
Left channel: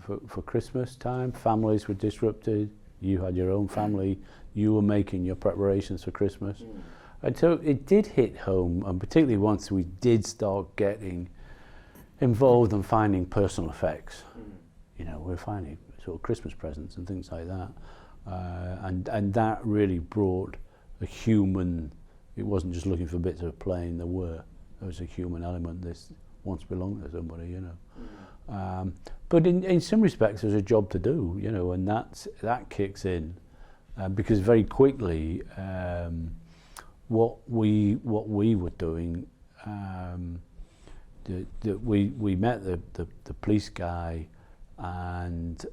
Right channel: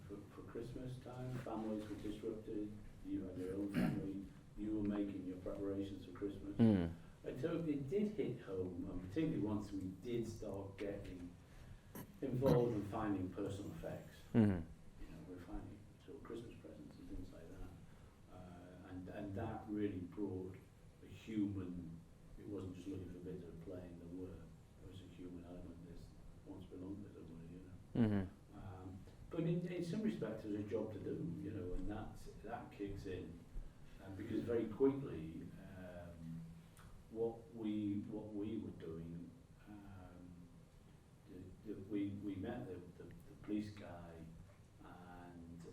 for Christmas time. Families were disrupted. You had your own family. You were making your preparations for Christmas. And so it did hit home, and particularly once we did start getting involved and finding personal effects. We're finding sort of Christmas presents and things like that. And that really brought a human, it wasn't just looking for bits of a plane, there was a human element. This once belonged to somebody, But in some respects there's a job to do, and that kicks in. Because very quickly, what we were doing, we met the police guy, and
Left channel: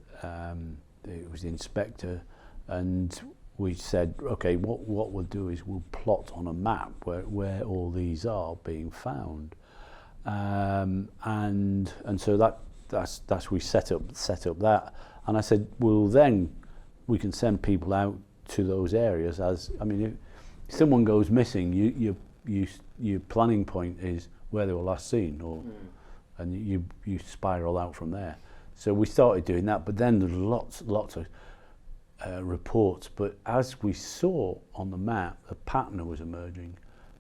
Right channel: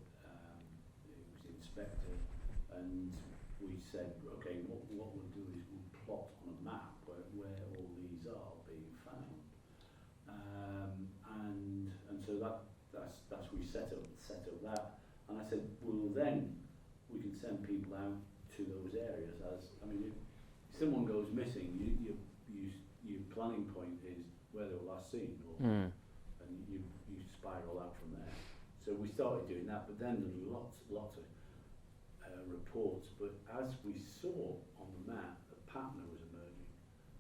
it was the inspector, and we said, okay, what we'll do is we'll plot on a map where all these are being found, and so that's we set up that, and I said, well then we can send people out to those areas. If someone goes missing, your planning point is where they were last seen, and you spiral out from there. So we started doing that, but then there's lots of reports. But as we saw on the map, a pattern was emerging.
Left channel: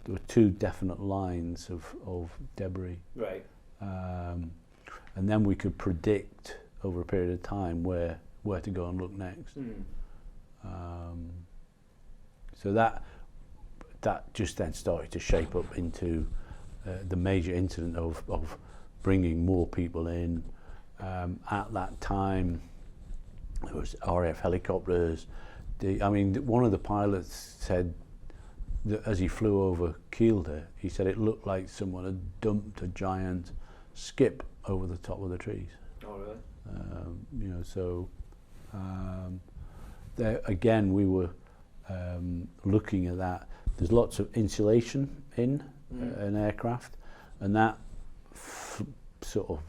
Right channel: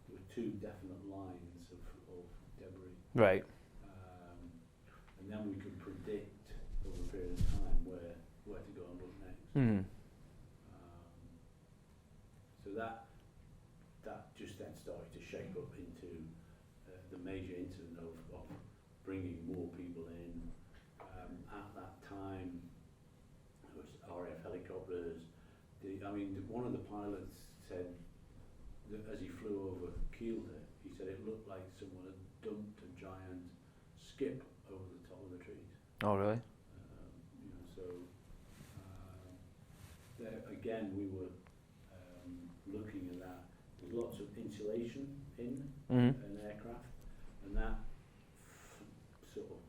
There were two definite lines of debris. Right. And then we could predict over a period of time where to go and look next. So that just then started to shape up into the major incident of bringing more people in. At that time, there was RAF helicopters. One of the pilots said that as he flew over Kielder, he said it looked like someone had dumped a giant skip over the top of the trees. Oh, really? There again, we were looking at that. There's lots of insulation in an aircraft, and that sort of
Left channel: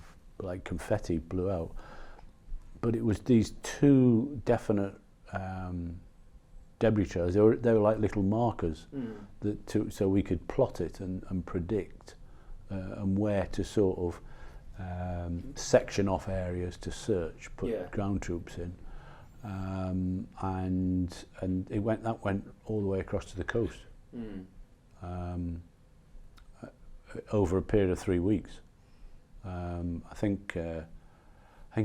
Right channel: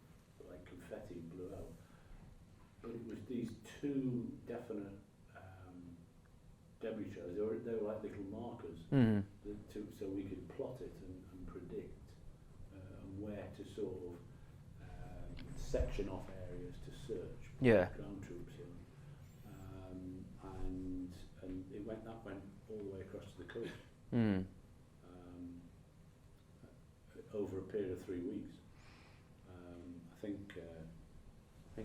like confetti blew out. But it was these two definite debris trails. They were like little markers so we could plot it and predict and where to sort of section off areas to search, put ground troops in, and that went all the way across to the coast over a period of 3 weeks. I think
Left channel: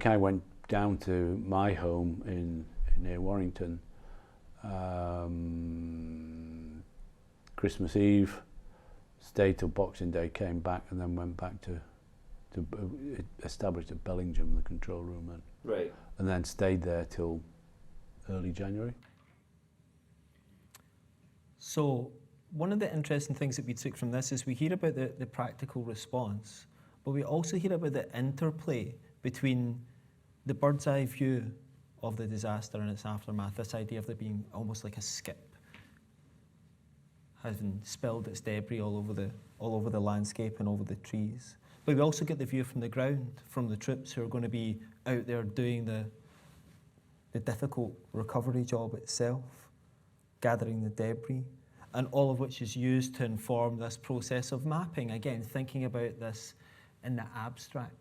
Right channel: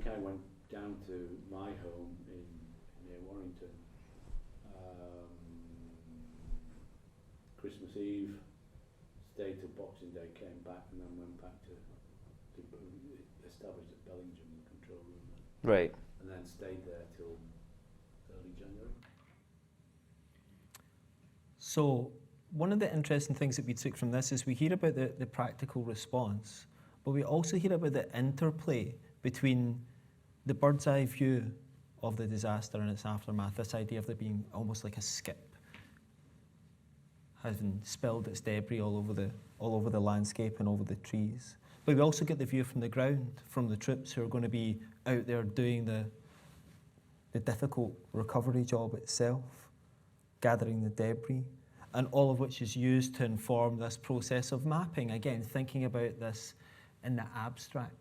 I went down to my home near Warrington Christmas Eve, stayed till Boxing Day, came back, and then went back to established at Bellingham, the control room, Right. and then stayed there till early January. So one of the interesting things that we took from this is we hear about the practical response, but we also hear about the interplay between the bird's eye view of the disaster and its aftermath, this idea of there being almost like a skip, having spilled its debris all over the landscape and over the trees. But we also get the view from the ground, from the troops who are going to be out there doing the difficult recovery job itself, gathering the debris, and all of which is used to inform this process of mapping, again, thinking about this in the abstract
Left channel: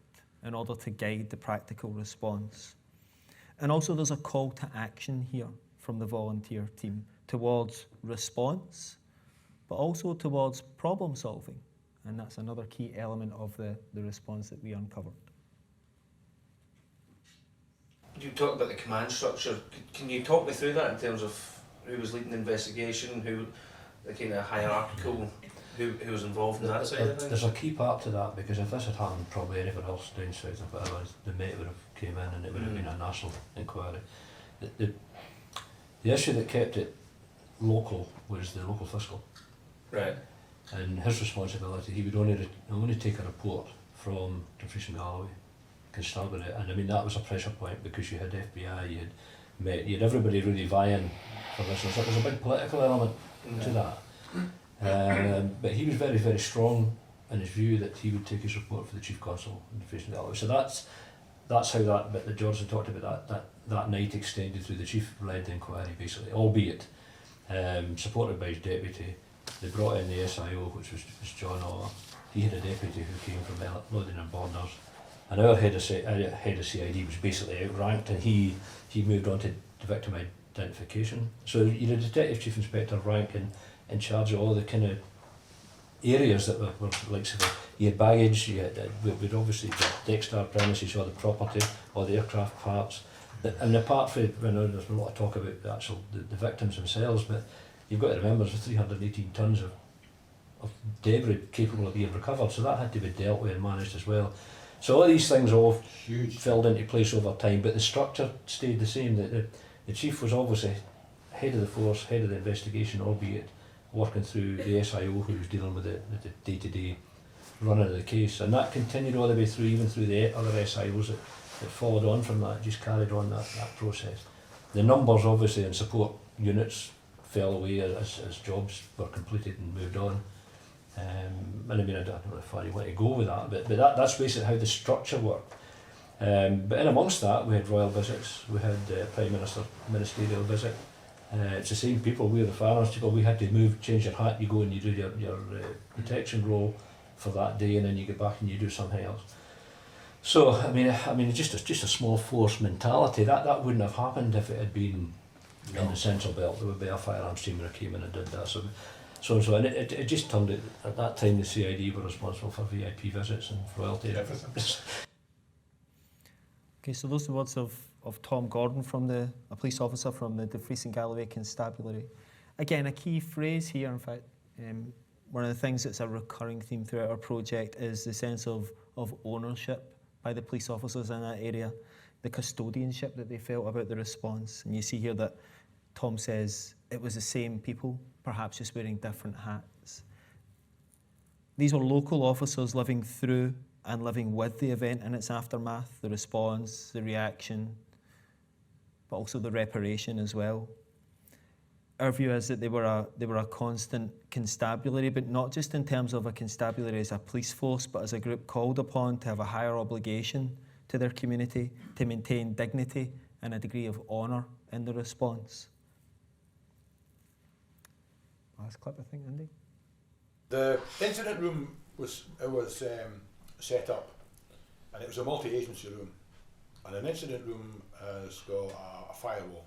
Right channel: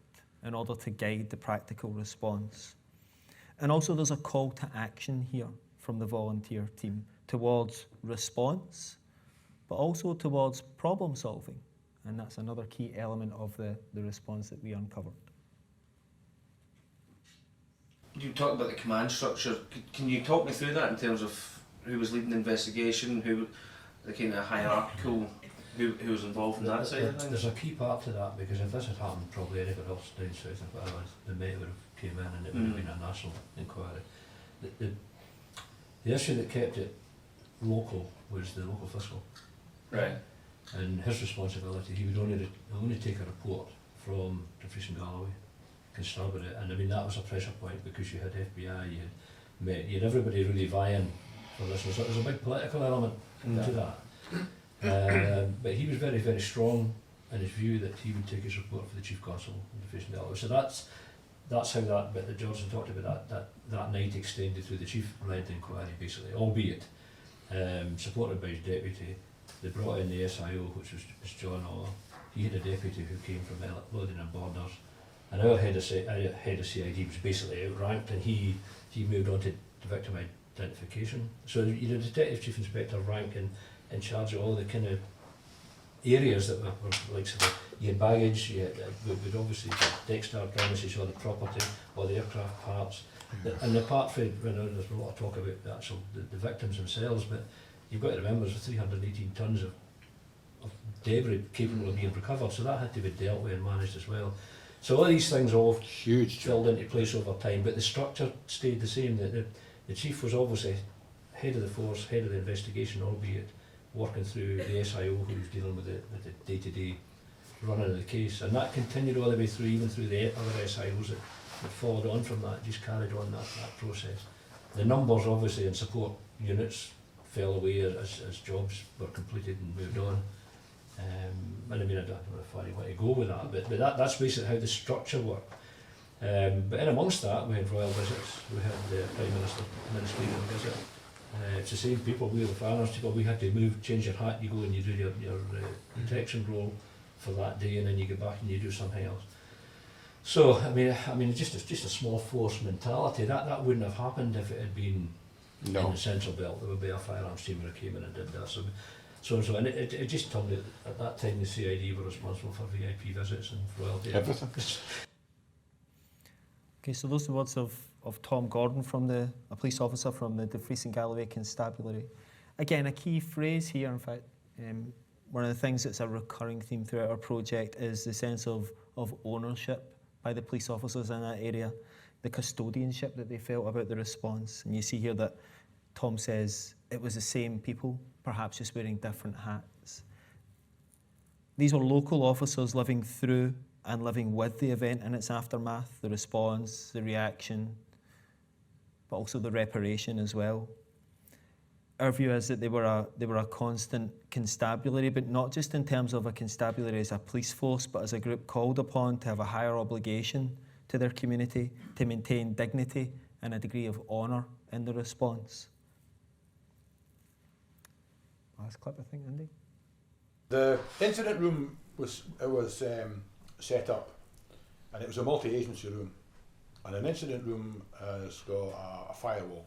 in order to guide the practical response. And also there's a call to action here from the volunteer team towards response, but also towards problem solving. And that's another key element of the response that we uncovered. You talked about the command structure. Can you talk me through that in terms of who was leading the investigation, who the kind of hierarchical, who was involved in that side of things? There's a key part to that, because if this had happened probably anywhere else down south, if it was, the Met would have came in and it would have been a national inquiry. The issue that kept it local was the local fiscal. Right. And his responsibility, he would only take a report from Dumfries and Galloway, Constabulary, and I mean that was a pressure point because you had FBI, you had Met, you had everybody really vying for this, so there was a big political element to that. But he was very, very strong in his view that he would take his report for the Chief Constable in Dumfries and Galloway. So that's how that bit that Johnson talked about that night extended through the chief-led inquiry, basically, albeit supported by his deputy. They brought in the SIO, which was John Orr. He had a deputy who came from London and Borders. And our head of CID was basically outranked, and he moved on to victim identification. So you had a detective chief inspector rank in charge of all the kind of areas that were like, so you had baggage, we'd obviously got Dexter premises, all the property, all the aircraft parts. And apart from, there's a lot of talk about the victims themselves, but you've got to remember there's 318 tonnes of debris capable of being recovered, so that had to be dealt with and managed as well. So all these things all huge filled into place over time, but the structure stayed the same. The chief was obviously head of the force, head of the investigation, albeit working through the SIO who was dealing with the day-to-day running of the case, and that continued all the way through, even through the other SIOs that followed on from that, just carried on that process. The numbers obviously in support units fell away as jobs were completed and moved on. And I mean, I don't know how far you want to go with that, but that's basically how the structure worked. But in amongst that, we had royal visits, we had the Prime Minister ministerial visit. It's the same people, we were the firearms people, we had to change your hat, you go and you do your protection role for that day, and then you get back and you do something else. So, I mean, just a small force mentality, that wouldn't have happened if it had been in the central belt. There would be a firearms team who came in and did that. So and it just turned it, at that time the CID were responsible for VIP visits and royalty. Everything. Okay, so those are the words of Tom Gordon, a police officer from the Dumfries and Galloway Constabulary. Again, a key phrase here, in fact, one of the things that's a recurring theme throughout our project is the sense of ownership by the police officers in that area, the custodianship that they felt about the response. And you see here that Tom says it was the same people, perhaps just wearing different hats. These were local officers living through and living with the event and its aftermath, the response, the reaction, but also the reparation as well. Our view is that they were a constant constabulary, but not just in terms of a constabulary as a police force, but as a group called upon to have a higher obligation to their community, to maintain dignity and a degree of honour in the response. Last clip, I think, Andy. The incident room was set up, and it was a multi-agency room. And an incident room has got a firewall.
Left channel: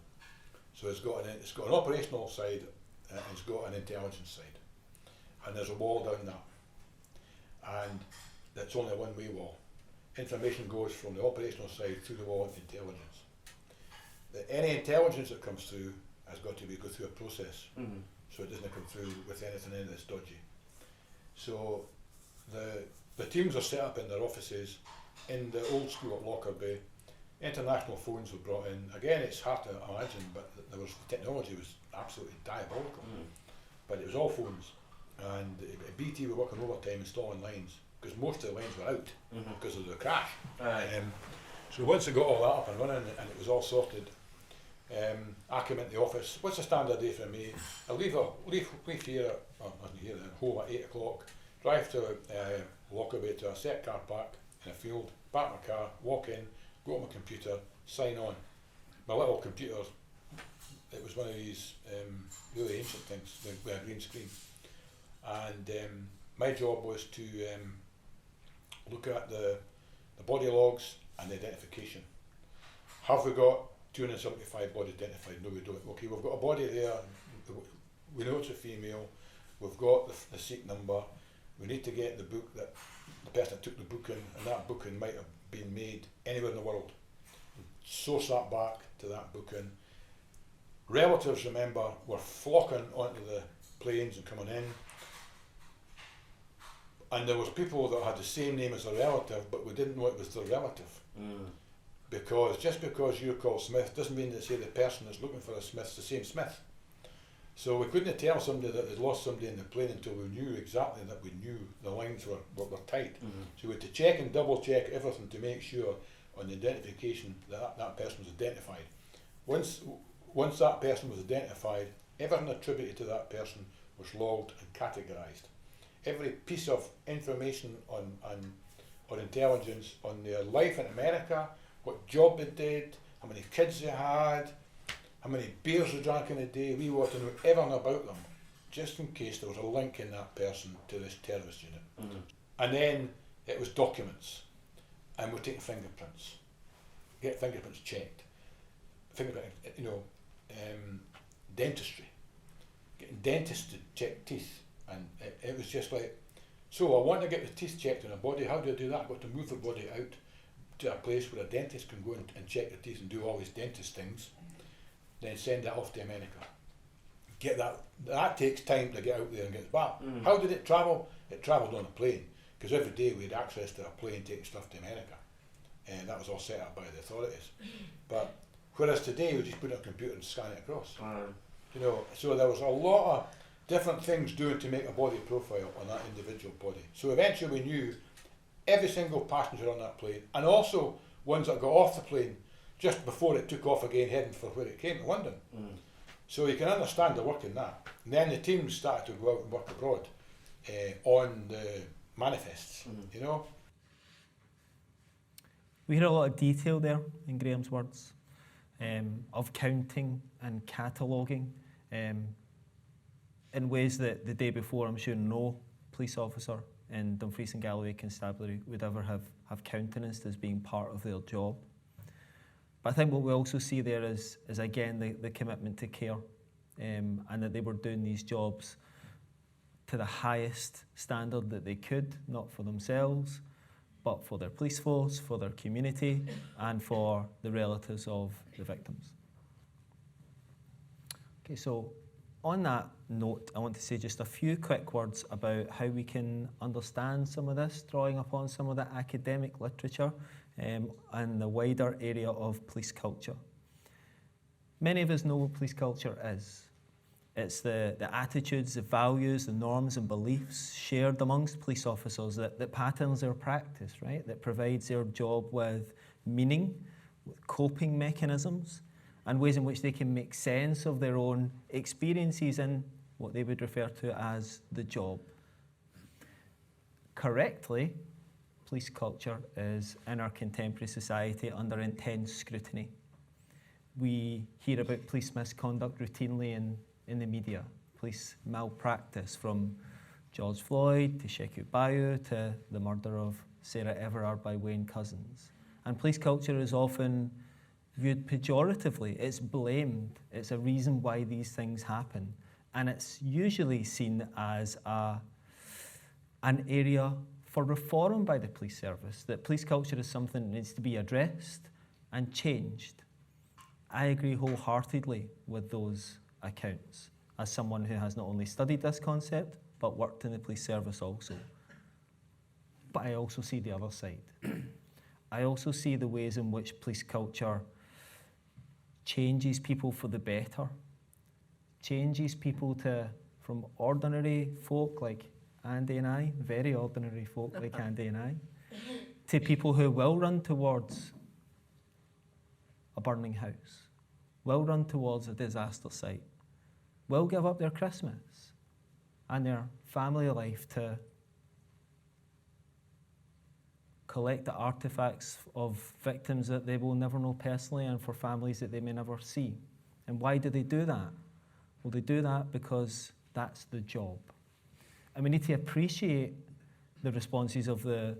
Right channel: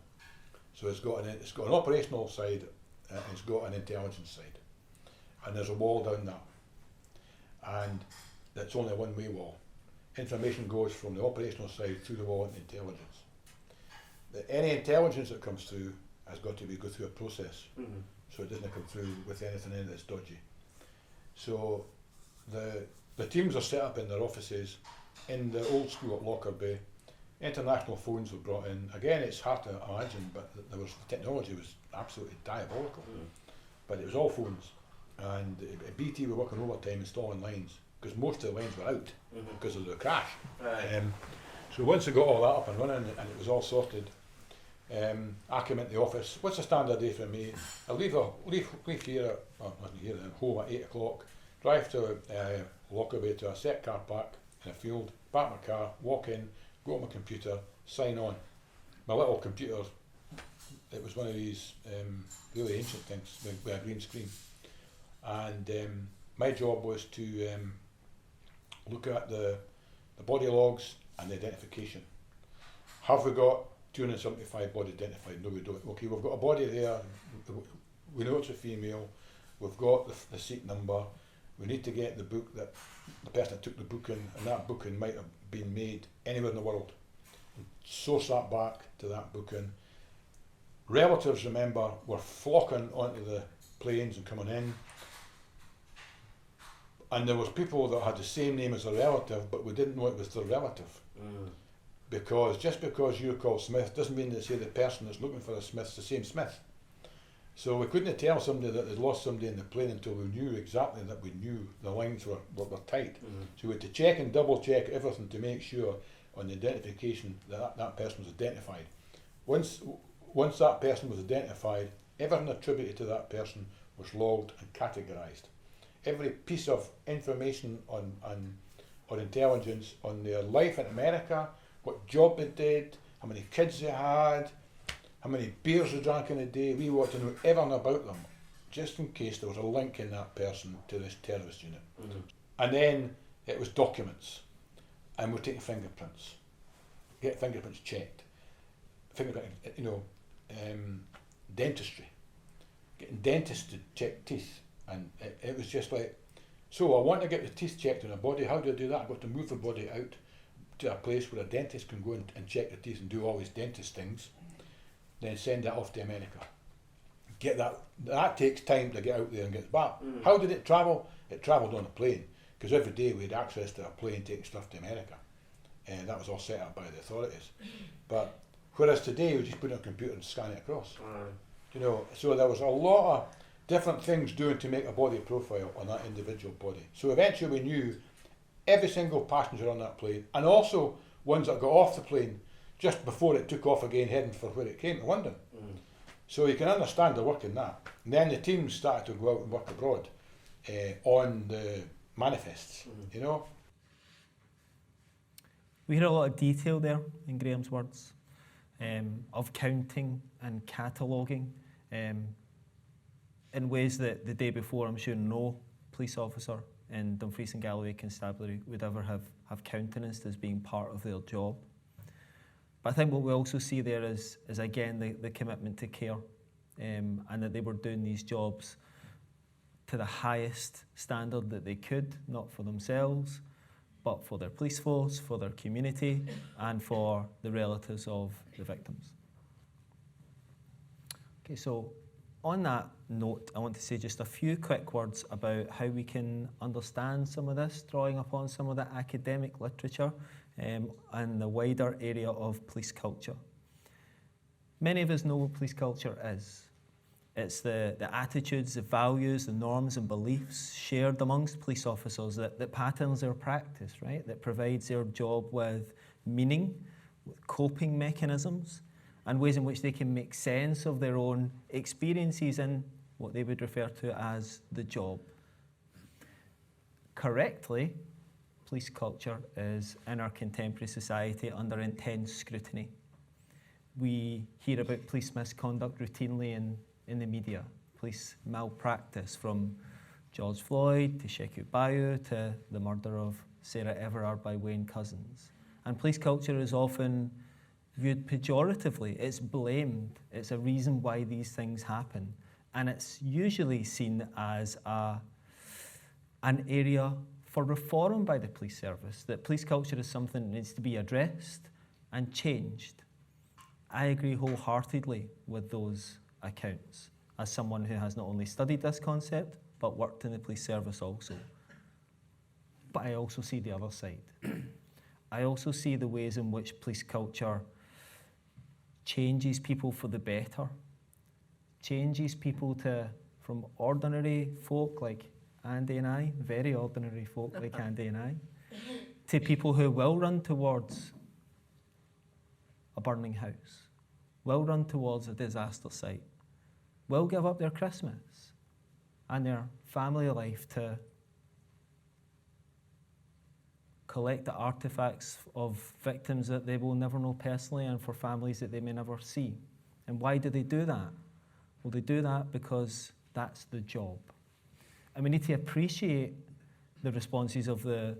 So it's got an operational side, and it's got an intelligence side. And there's a wall down there. And it's only a one-way wall. Information goes from the operational side through the wall into intelligence. But any intelligence that comes through has got to go through a process. So it doesn't go through with anything in that's dodgy. So the The teams are set up in their offices in the old school at Lockerbie. International phones were brought in. Again, it's hard to imagine, but technology was absolutely diabolical. But it was all phones. And BT were working overtime installing lines, because most of the lines were out because of the crash. So once they got all that up and running, and it was all sorted, I came into the office. What's a standard day for me? I leave here, well, not here, then home at 8 o'clock, drive to Lockerbie to a set car park in a field, park my car, walk in, go on my computer, sign on. My little computer, it was one of these really ancient things with a green screen. And my job was to look at the body logs and the identification. Have we got 275 body identified? No, we don't. Okay, we've got a body there, we know it's a female, we've got the seat number, we need to get the book that the person took the book in, and that booking might have been made anywhere in the world. Source that back to that booking. Relatives, remember, were flocking onto the planes and coming in. And there was people that had the same name as a relative, but we didn't know it was their relative. Because just because you're called Smith doesn't mean they say the person that's looking for the Smith's the same Smith. So we couldn't tell somebody that we'd lost somebody in the plane until we knew exactly that we knew the lines were tight. So we had to check and double check everything to make sure on the identification that that person was identified. Once that person was identified, everything attributed to that person was logged and categorised. Every piece of information on intelligence on their life in America, what job they did, how many kids they had, how many beers they drank in a day, we wanted to know everything about them, just in case there was a link in that person to this terrorist unit. And then it was documents, and we take fingerprints, get fingerprints checked, dentistry, getting dentists to check teeth, and it was just like, so I want to get the teeth checked in a body. How do I do that? I've got to move the body out to a place where a dentist can go and check the teeth and do all these dentist things, then send that off to America. Get that. That takes time to get out there and get back. How did it travel? It travelled on a plane, because every day we had access to a plane to take stuff to America, and that was all set up by the authorities. But whereas today we just put it on a computer and scan it across. So there was a lot of different things doing to make a body profile on that individual body. So eventually we knew every single passenger on that plane, and also ones that got off the plane just before it took off again, heading for where it came, London. So you can understand the work in that. And then the teams started to go out and work abroad on the manifests, We hear a lot of detail there in Graham's words, of counting and cataloguing in ways that the day before I'm sure no police officer in Dumfries and Galloway Constabulary would ever have countenanced as being part of their job. But I think what we also see there is again the commitment to care, and that they were doing these jobs to the highest standard that they could, not for themselves, but for their police force, for their community, and for the relatives of the victims. Okay, so on that note, I want to say just a few quick words about how we can understand some of this, drawing upon some of the academic literature and the wider area of police culture. Many of us know what police culture is. It's the attitudes, the values, the norms and beliefs shared amongst police officers that patterns their practice, right? That provides their job with meaning, with coping mechanisms, and ways in which they can make sense of their own experiences in what they would refer to as the job. Correctly, police culture is in our contemporary society under intense scrutiny. We hear about police misconduct routinely in the media, police malpractice, from George Floyd to Sheku Bayo to the murder of Sarah Everard by Wayne Couzens. And police culture is often viewed pejoratively. It's blamed. It's a reason why these things happen. And it's usually seen as an area for reform by the police service, that police culture is something that needs to be addressed and changed. I agree wholeheartedly with those accounts, as someone who has not only studied this concept, but worked in the police service also. but I also see the other side. I also see the ways in which police culture changes people for the better, changes people from ordinary folk like Andy and I, very ordinary folk like Andy and I, to people who will run towards a burning house, will run towards a disaster site, will give up their Christmas and their family life to collect the artefacts of victims that they will never know personally and for families that they may never see. And why do they do that? Well, they do that because that's the job. And we need to appreciate the responses of the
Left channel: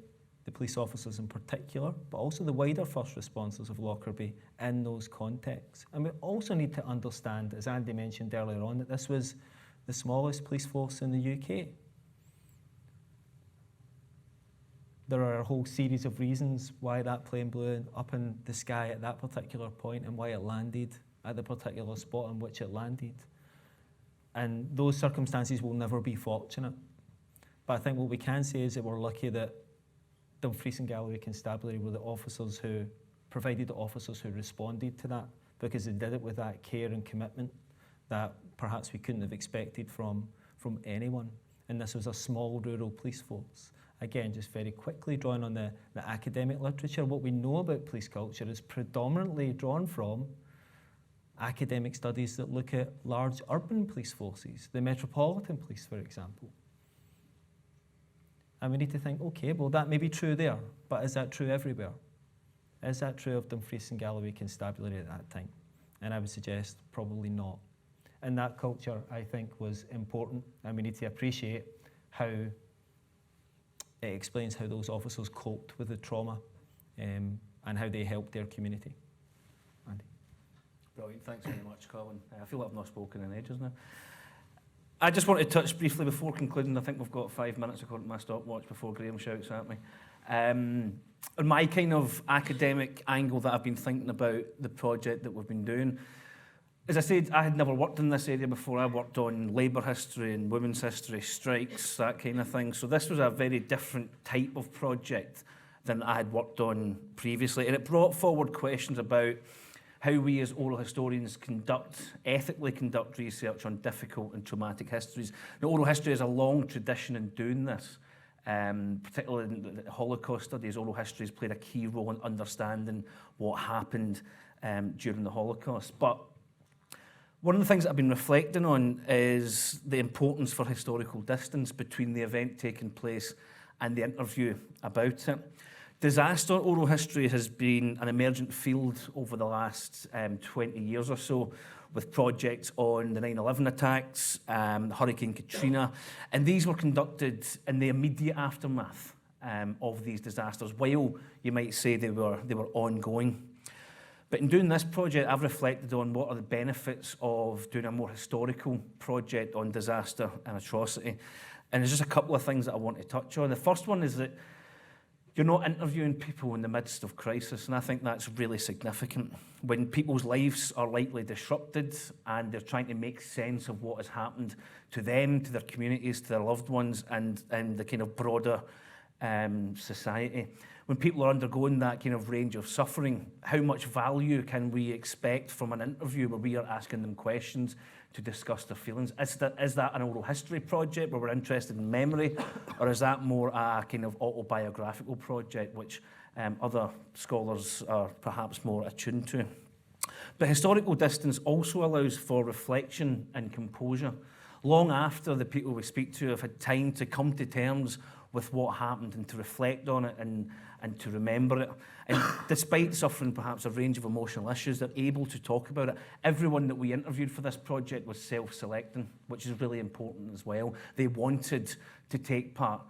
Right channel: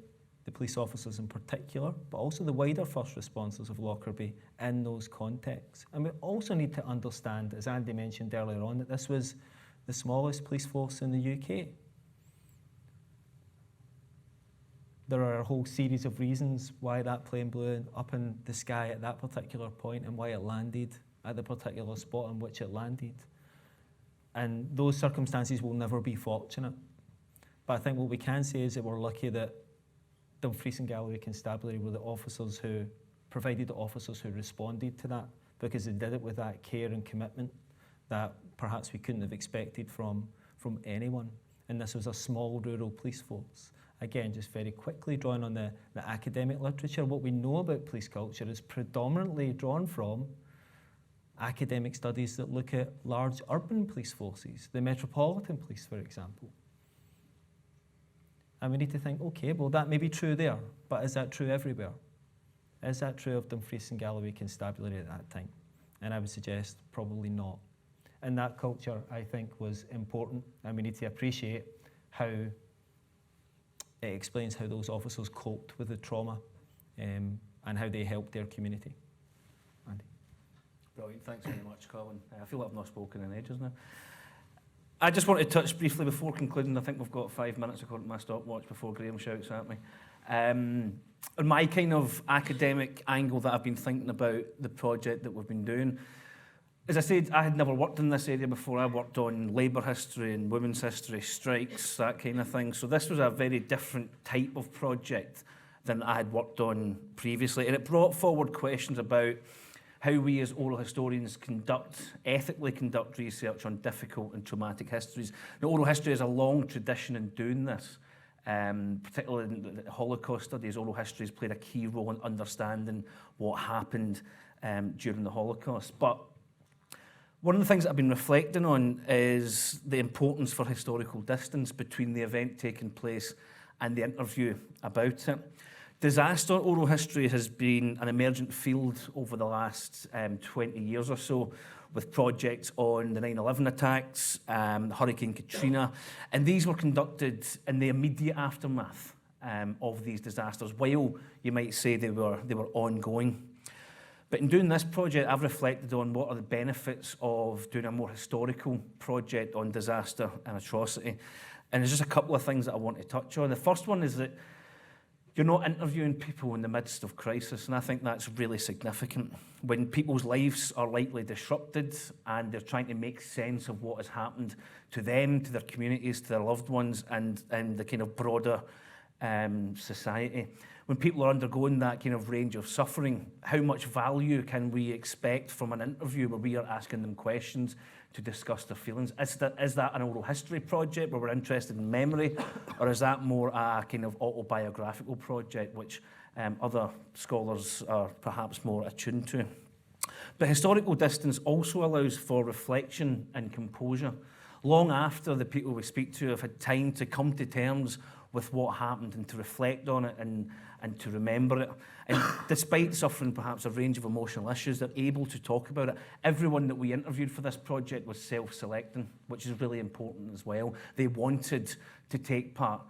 police officers in particular, but also the wider first responders of Lockerbie in those contexts. And we also need to understand, as Andy mentioned earlier on, that this was the smallest police force in the UK. There are a whole series of reasons why that plane blew up in the sky at that particular point and why it landed at the particular spot in which it landed. And those circumstances will never be fortunate. But I think what we can say is that we're lucky that Dumfries and Galloway Constabulary were the officers who provided the officers who responded to that, because they did it with that care and commitment that perhaps we couldn't have expected from anyone. And this was a small rural police force. Again, just very quickly drawing on the academic literature, what we know about police culture is predominantly drawn from academic studies that look at large urban police forces, the Metropolitan Police, for example. And we need to think, okay, well, that may be true there, but is that true everywhere? Is that true of Dumfries and Galloway Constabulary at that time? And I would suggest probably not. And that culture, I think, was important, and we need to appreciate how it explains how those officers coped with the trauma and how they helped their community. Andy. Brilliant, thanks very much, Colin. I feel like I've not spoken in ages now. I just want to touch briefly before concluding. I think we've got 5 minutes according to my stopwatch before Graham shouts at me. On my kind of academic angle that I've been thinking about the project that we've been doing. As I said, I had never worked in this area before. I worked on labour history and women's history, strikes, that kind of thing. So this was a very different type of project than I had worked on previously. And it brought forward questions about how we as oral historians ethically conduct research on difficult and traumatic histories. Now, oral history has a long tradition in doing this. Particularly in the Holocaust studies, oral history has played a key role in understanding what happened during the Holocaust. But one of the things that I've been reflecting on is the importance for historical distance between the event taking place and the interview about it. Disaster oral history has been an emergent field over the last 20 years or so, with projects on the 9/11 attacks, Hurricane Katrina, and these were conducted in the immediate aftermath of these disasters, while you might say they were ongoing. But in doing this project, I've reflected on what are the benefits of doing a more historical project on disaster and atrocity. And there's just a couple of things that I want to touch on. The first one is that you're not interviewing people in the midst of crisis, and I think that's really significant. When people's lives are likely disrupted and they're trying to make sense of what has happened to them, to their communities, to their loved ones, and the kind of broader society. When people are undergoing that kind of range of suffering, how much value can we expect from an interview where we are asking them questions to discuss their feelings? Is that an oral history project where we're interested in memory, or is that more a kind of autobiographical project which other scholars are perhaps more attuned to? But historical distance also allows for reflection and composure. Long after the people we speak to have had time to come to terms with what happened and to reflect on it and to remember it. And despite suffering perhaps a range of emotional issues, they're able to talk about it. Everyone that we interviewed for this project was self-selecting, which is really important as well. They wanted to take part,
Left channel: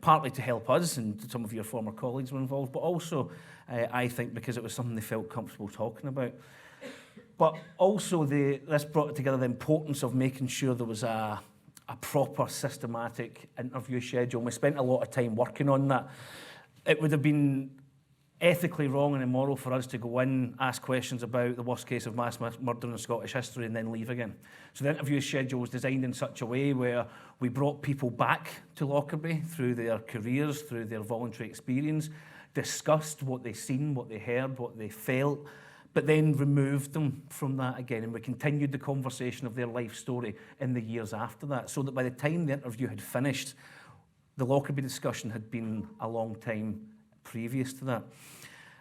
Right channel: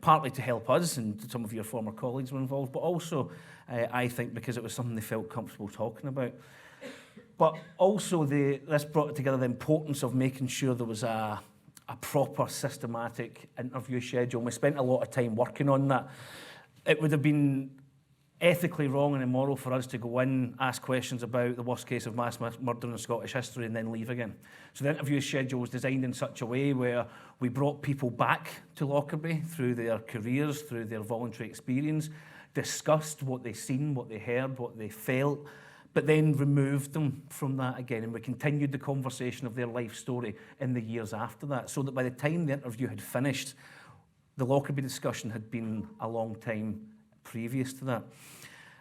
partly to help us, and some of your former colleagues were involved, but also, I think, because it was something they felt comfortable talking about. But also, this brought together the importance of making sure there was a proper systematic interview schedule. And we spent a lot of time working on that. It would have been ethically wrong and immoral for us to go in, ask questions about the worst case of mass murder in Scottish history and then leave again. So the interview schedule was designed in such a way where we brought people back to Lockerbie through their careers, through their voluntary experience, discussed what they'd seen, what they heard, what they felt, but then removed them from that again. And we continued the conversation of their life story in the years after that, so that by the time the interview had finished, the Lockerbie discussion had been a long time previous to that.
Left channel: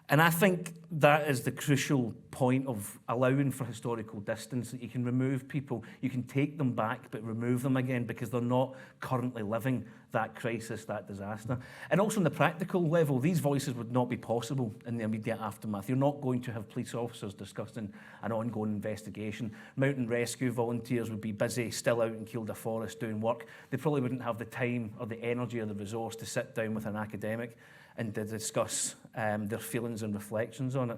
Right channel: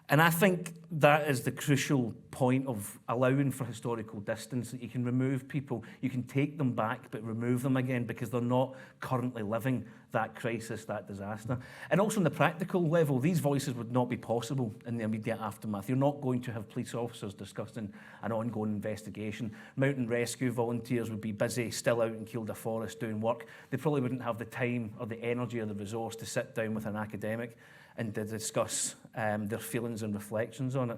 And I think that is the crucial point of allowing for historical distance, that you can remove people, you can take them back, but remove them again because they're not currently living that crisis, that disaster. And also on the practical level, these voices would not be possible in the immediate aftermath. You're not going to have police officers discussing an ongoing investigation. Mountain rescue volunteers would be busy still out in Kielder Forest doing work. They probably wouldn't have the time or the energy or the resource to sit down with an academic and to discuss their feelings and reflections on it.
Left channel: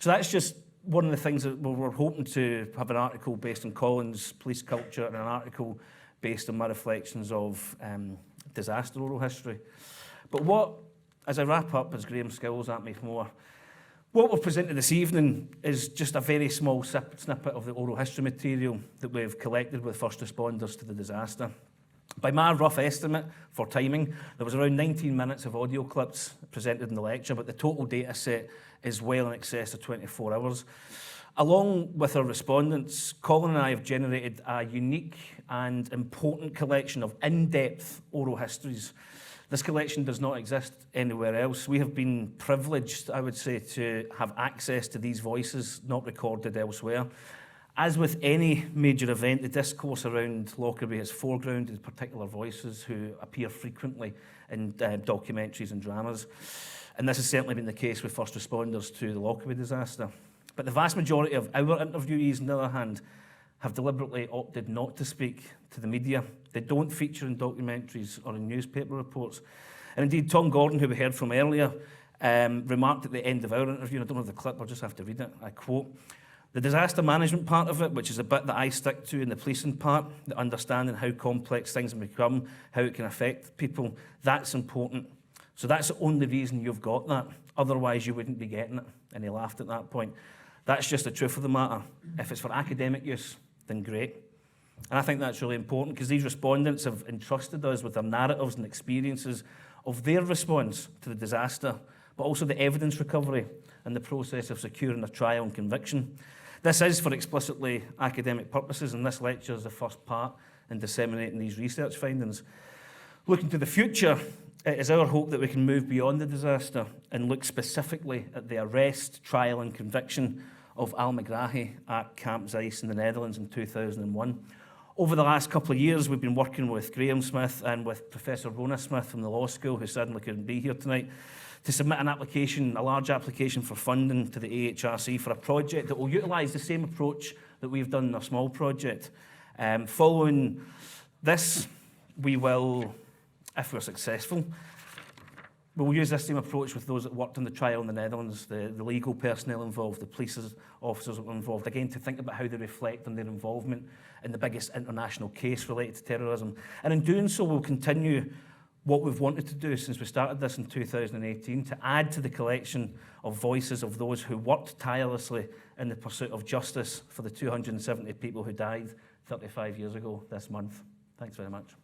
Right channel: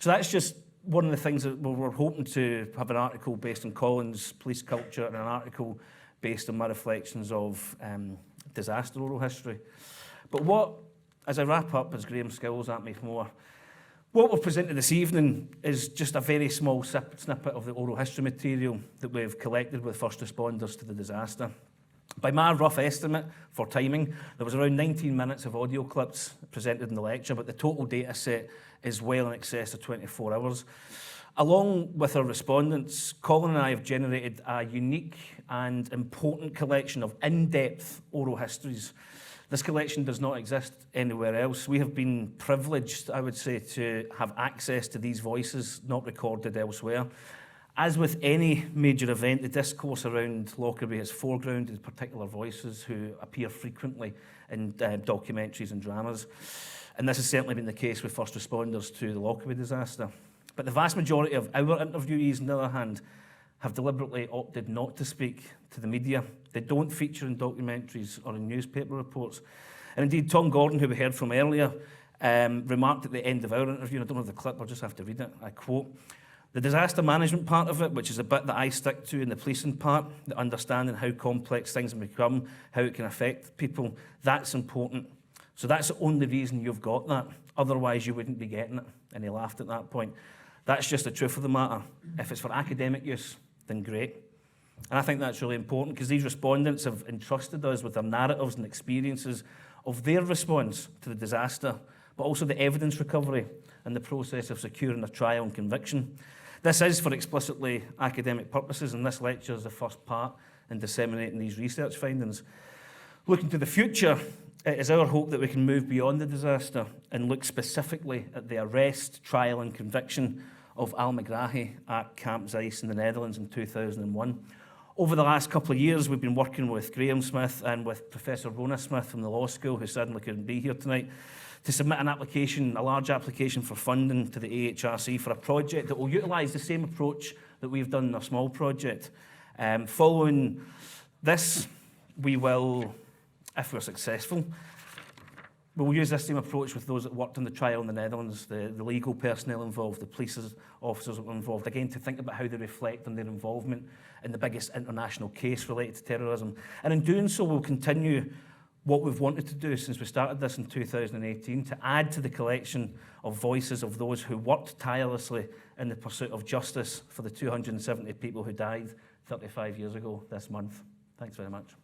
So that's just one of the things that we're hoping to have an article based on Colin's police culture and an article based on my reflections of disaster oral history. But what, as I wrap up, as Graham skills at me more, what we've presented this evening is just a very small snippet of the oral history material that we've collected with first responders to the disaster. By my rough estimate for timing, there was around 19 minutes of audio clips presented in the lecture, but the total data set is well in excess of 24 hours. Along with our respondents, Colin and I have generated a unique and important collection of in-depth oral histories. This collection does not exist anywhere else. We have been privileged, I would say, to have access to these voices not recorded elsewhere. As with any major event, the discourse around Lockerbie has foregrounded particular voices who appear frequently in documentaries and dramas. And this has certainly been the case with first responders to the Lockerbie disaster. But the vast majority of our interviewees, on the other hand, have deliberately opted not to speak to the media. They don't feature in documentaries or in newspaper reports. And indeed, Tom Gordon, who we heard from earlier, remarked at the end of our interview, and I don't have the clip, I'll just have to read it, I quote, "The disaster management part of it, which is a bit that I stick to, and the policing part, the understanding how complex things have become, how it can affect people, that's important. So that's the only reason you've got that. Otherwise, you wouldn't be getting it." And he laughed at that point. That's just the truth of the matter. If it's for academic use, then great. And I think that's really important because these respondents have entrusted us with their narratives and experiences of their response to the disaster, but also the evidence recovery and the process of securing a trial and conviction. This is for explicitly academic purposes, and this lecture is the first part in disseminating these research findings. Looking to the future, it is our hope that we can move beyond the disaster and look specifically at the arrest, trial and conviction of Al McGrahy at Camp Zeiss in the Netherlands in 2001. Over the last couple of years, we've been working with Graham Smith and with Professor Rhona Smith from the law school, who sadly couldn't be here tonight, to submit an application, a large application for funding to the AHRC for a project that will utilise the same approach that we've done in a small project. Following this, we will, if we're successful, we'll use this same approach with those that worked on the trial in the Netherlands, the legal personnel involved, the police officers that were involved, again, to think about how they reflect on their involvement in the biggest international case related to terrorism. And in doing so, we'll continue what we've wanted to do since we started this in 2018, to add to the collection of voices of those who worked tirelessly in the pursuit of justice for the 270 people who died 35 years ago this month. Thanks very much.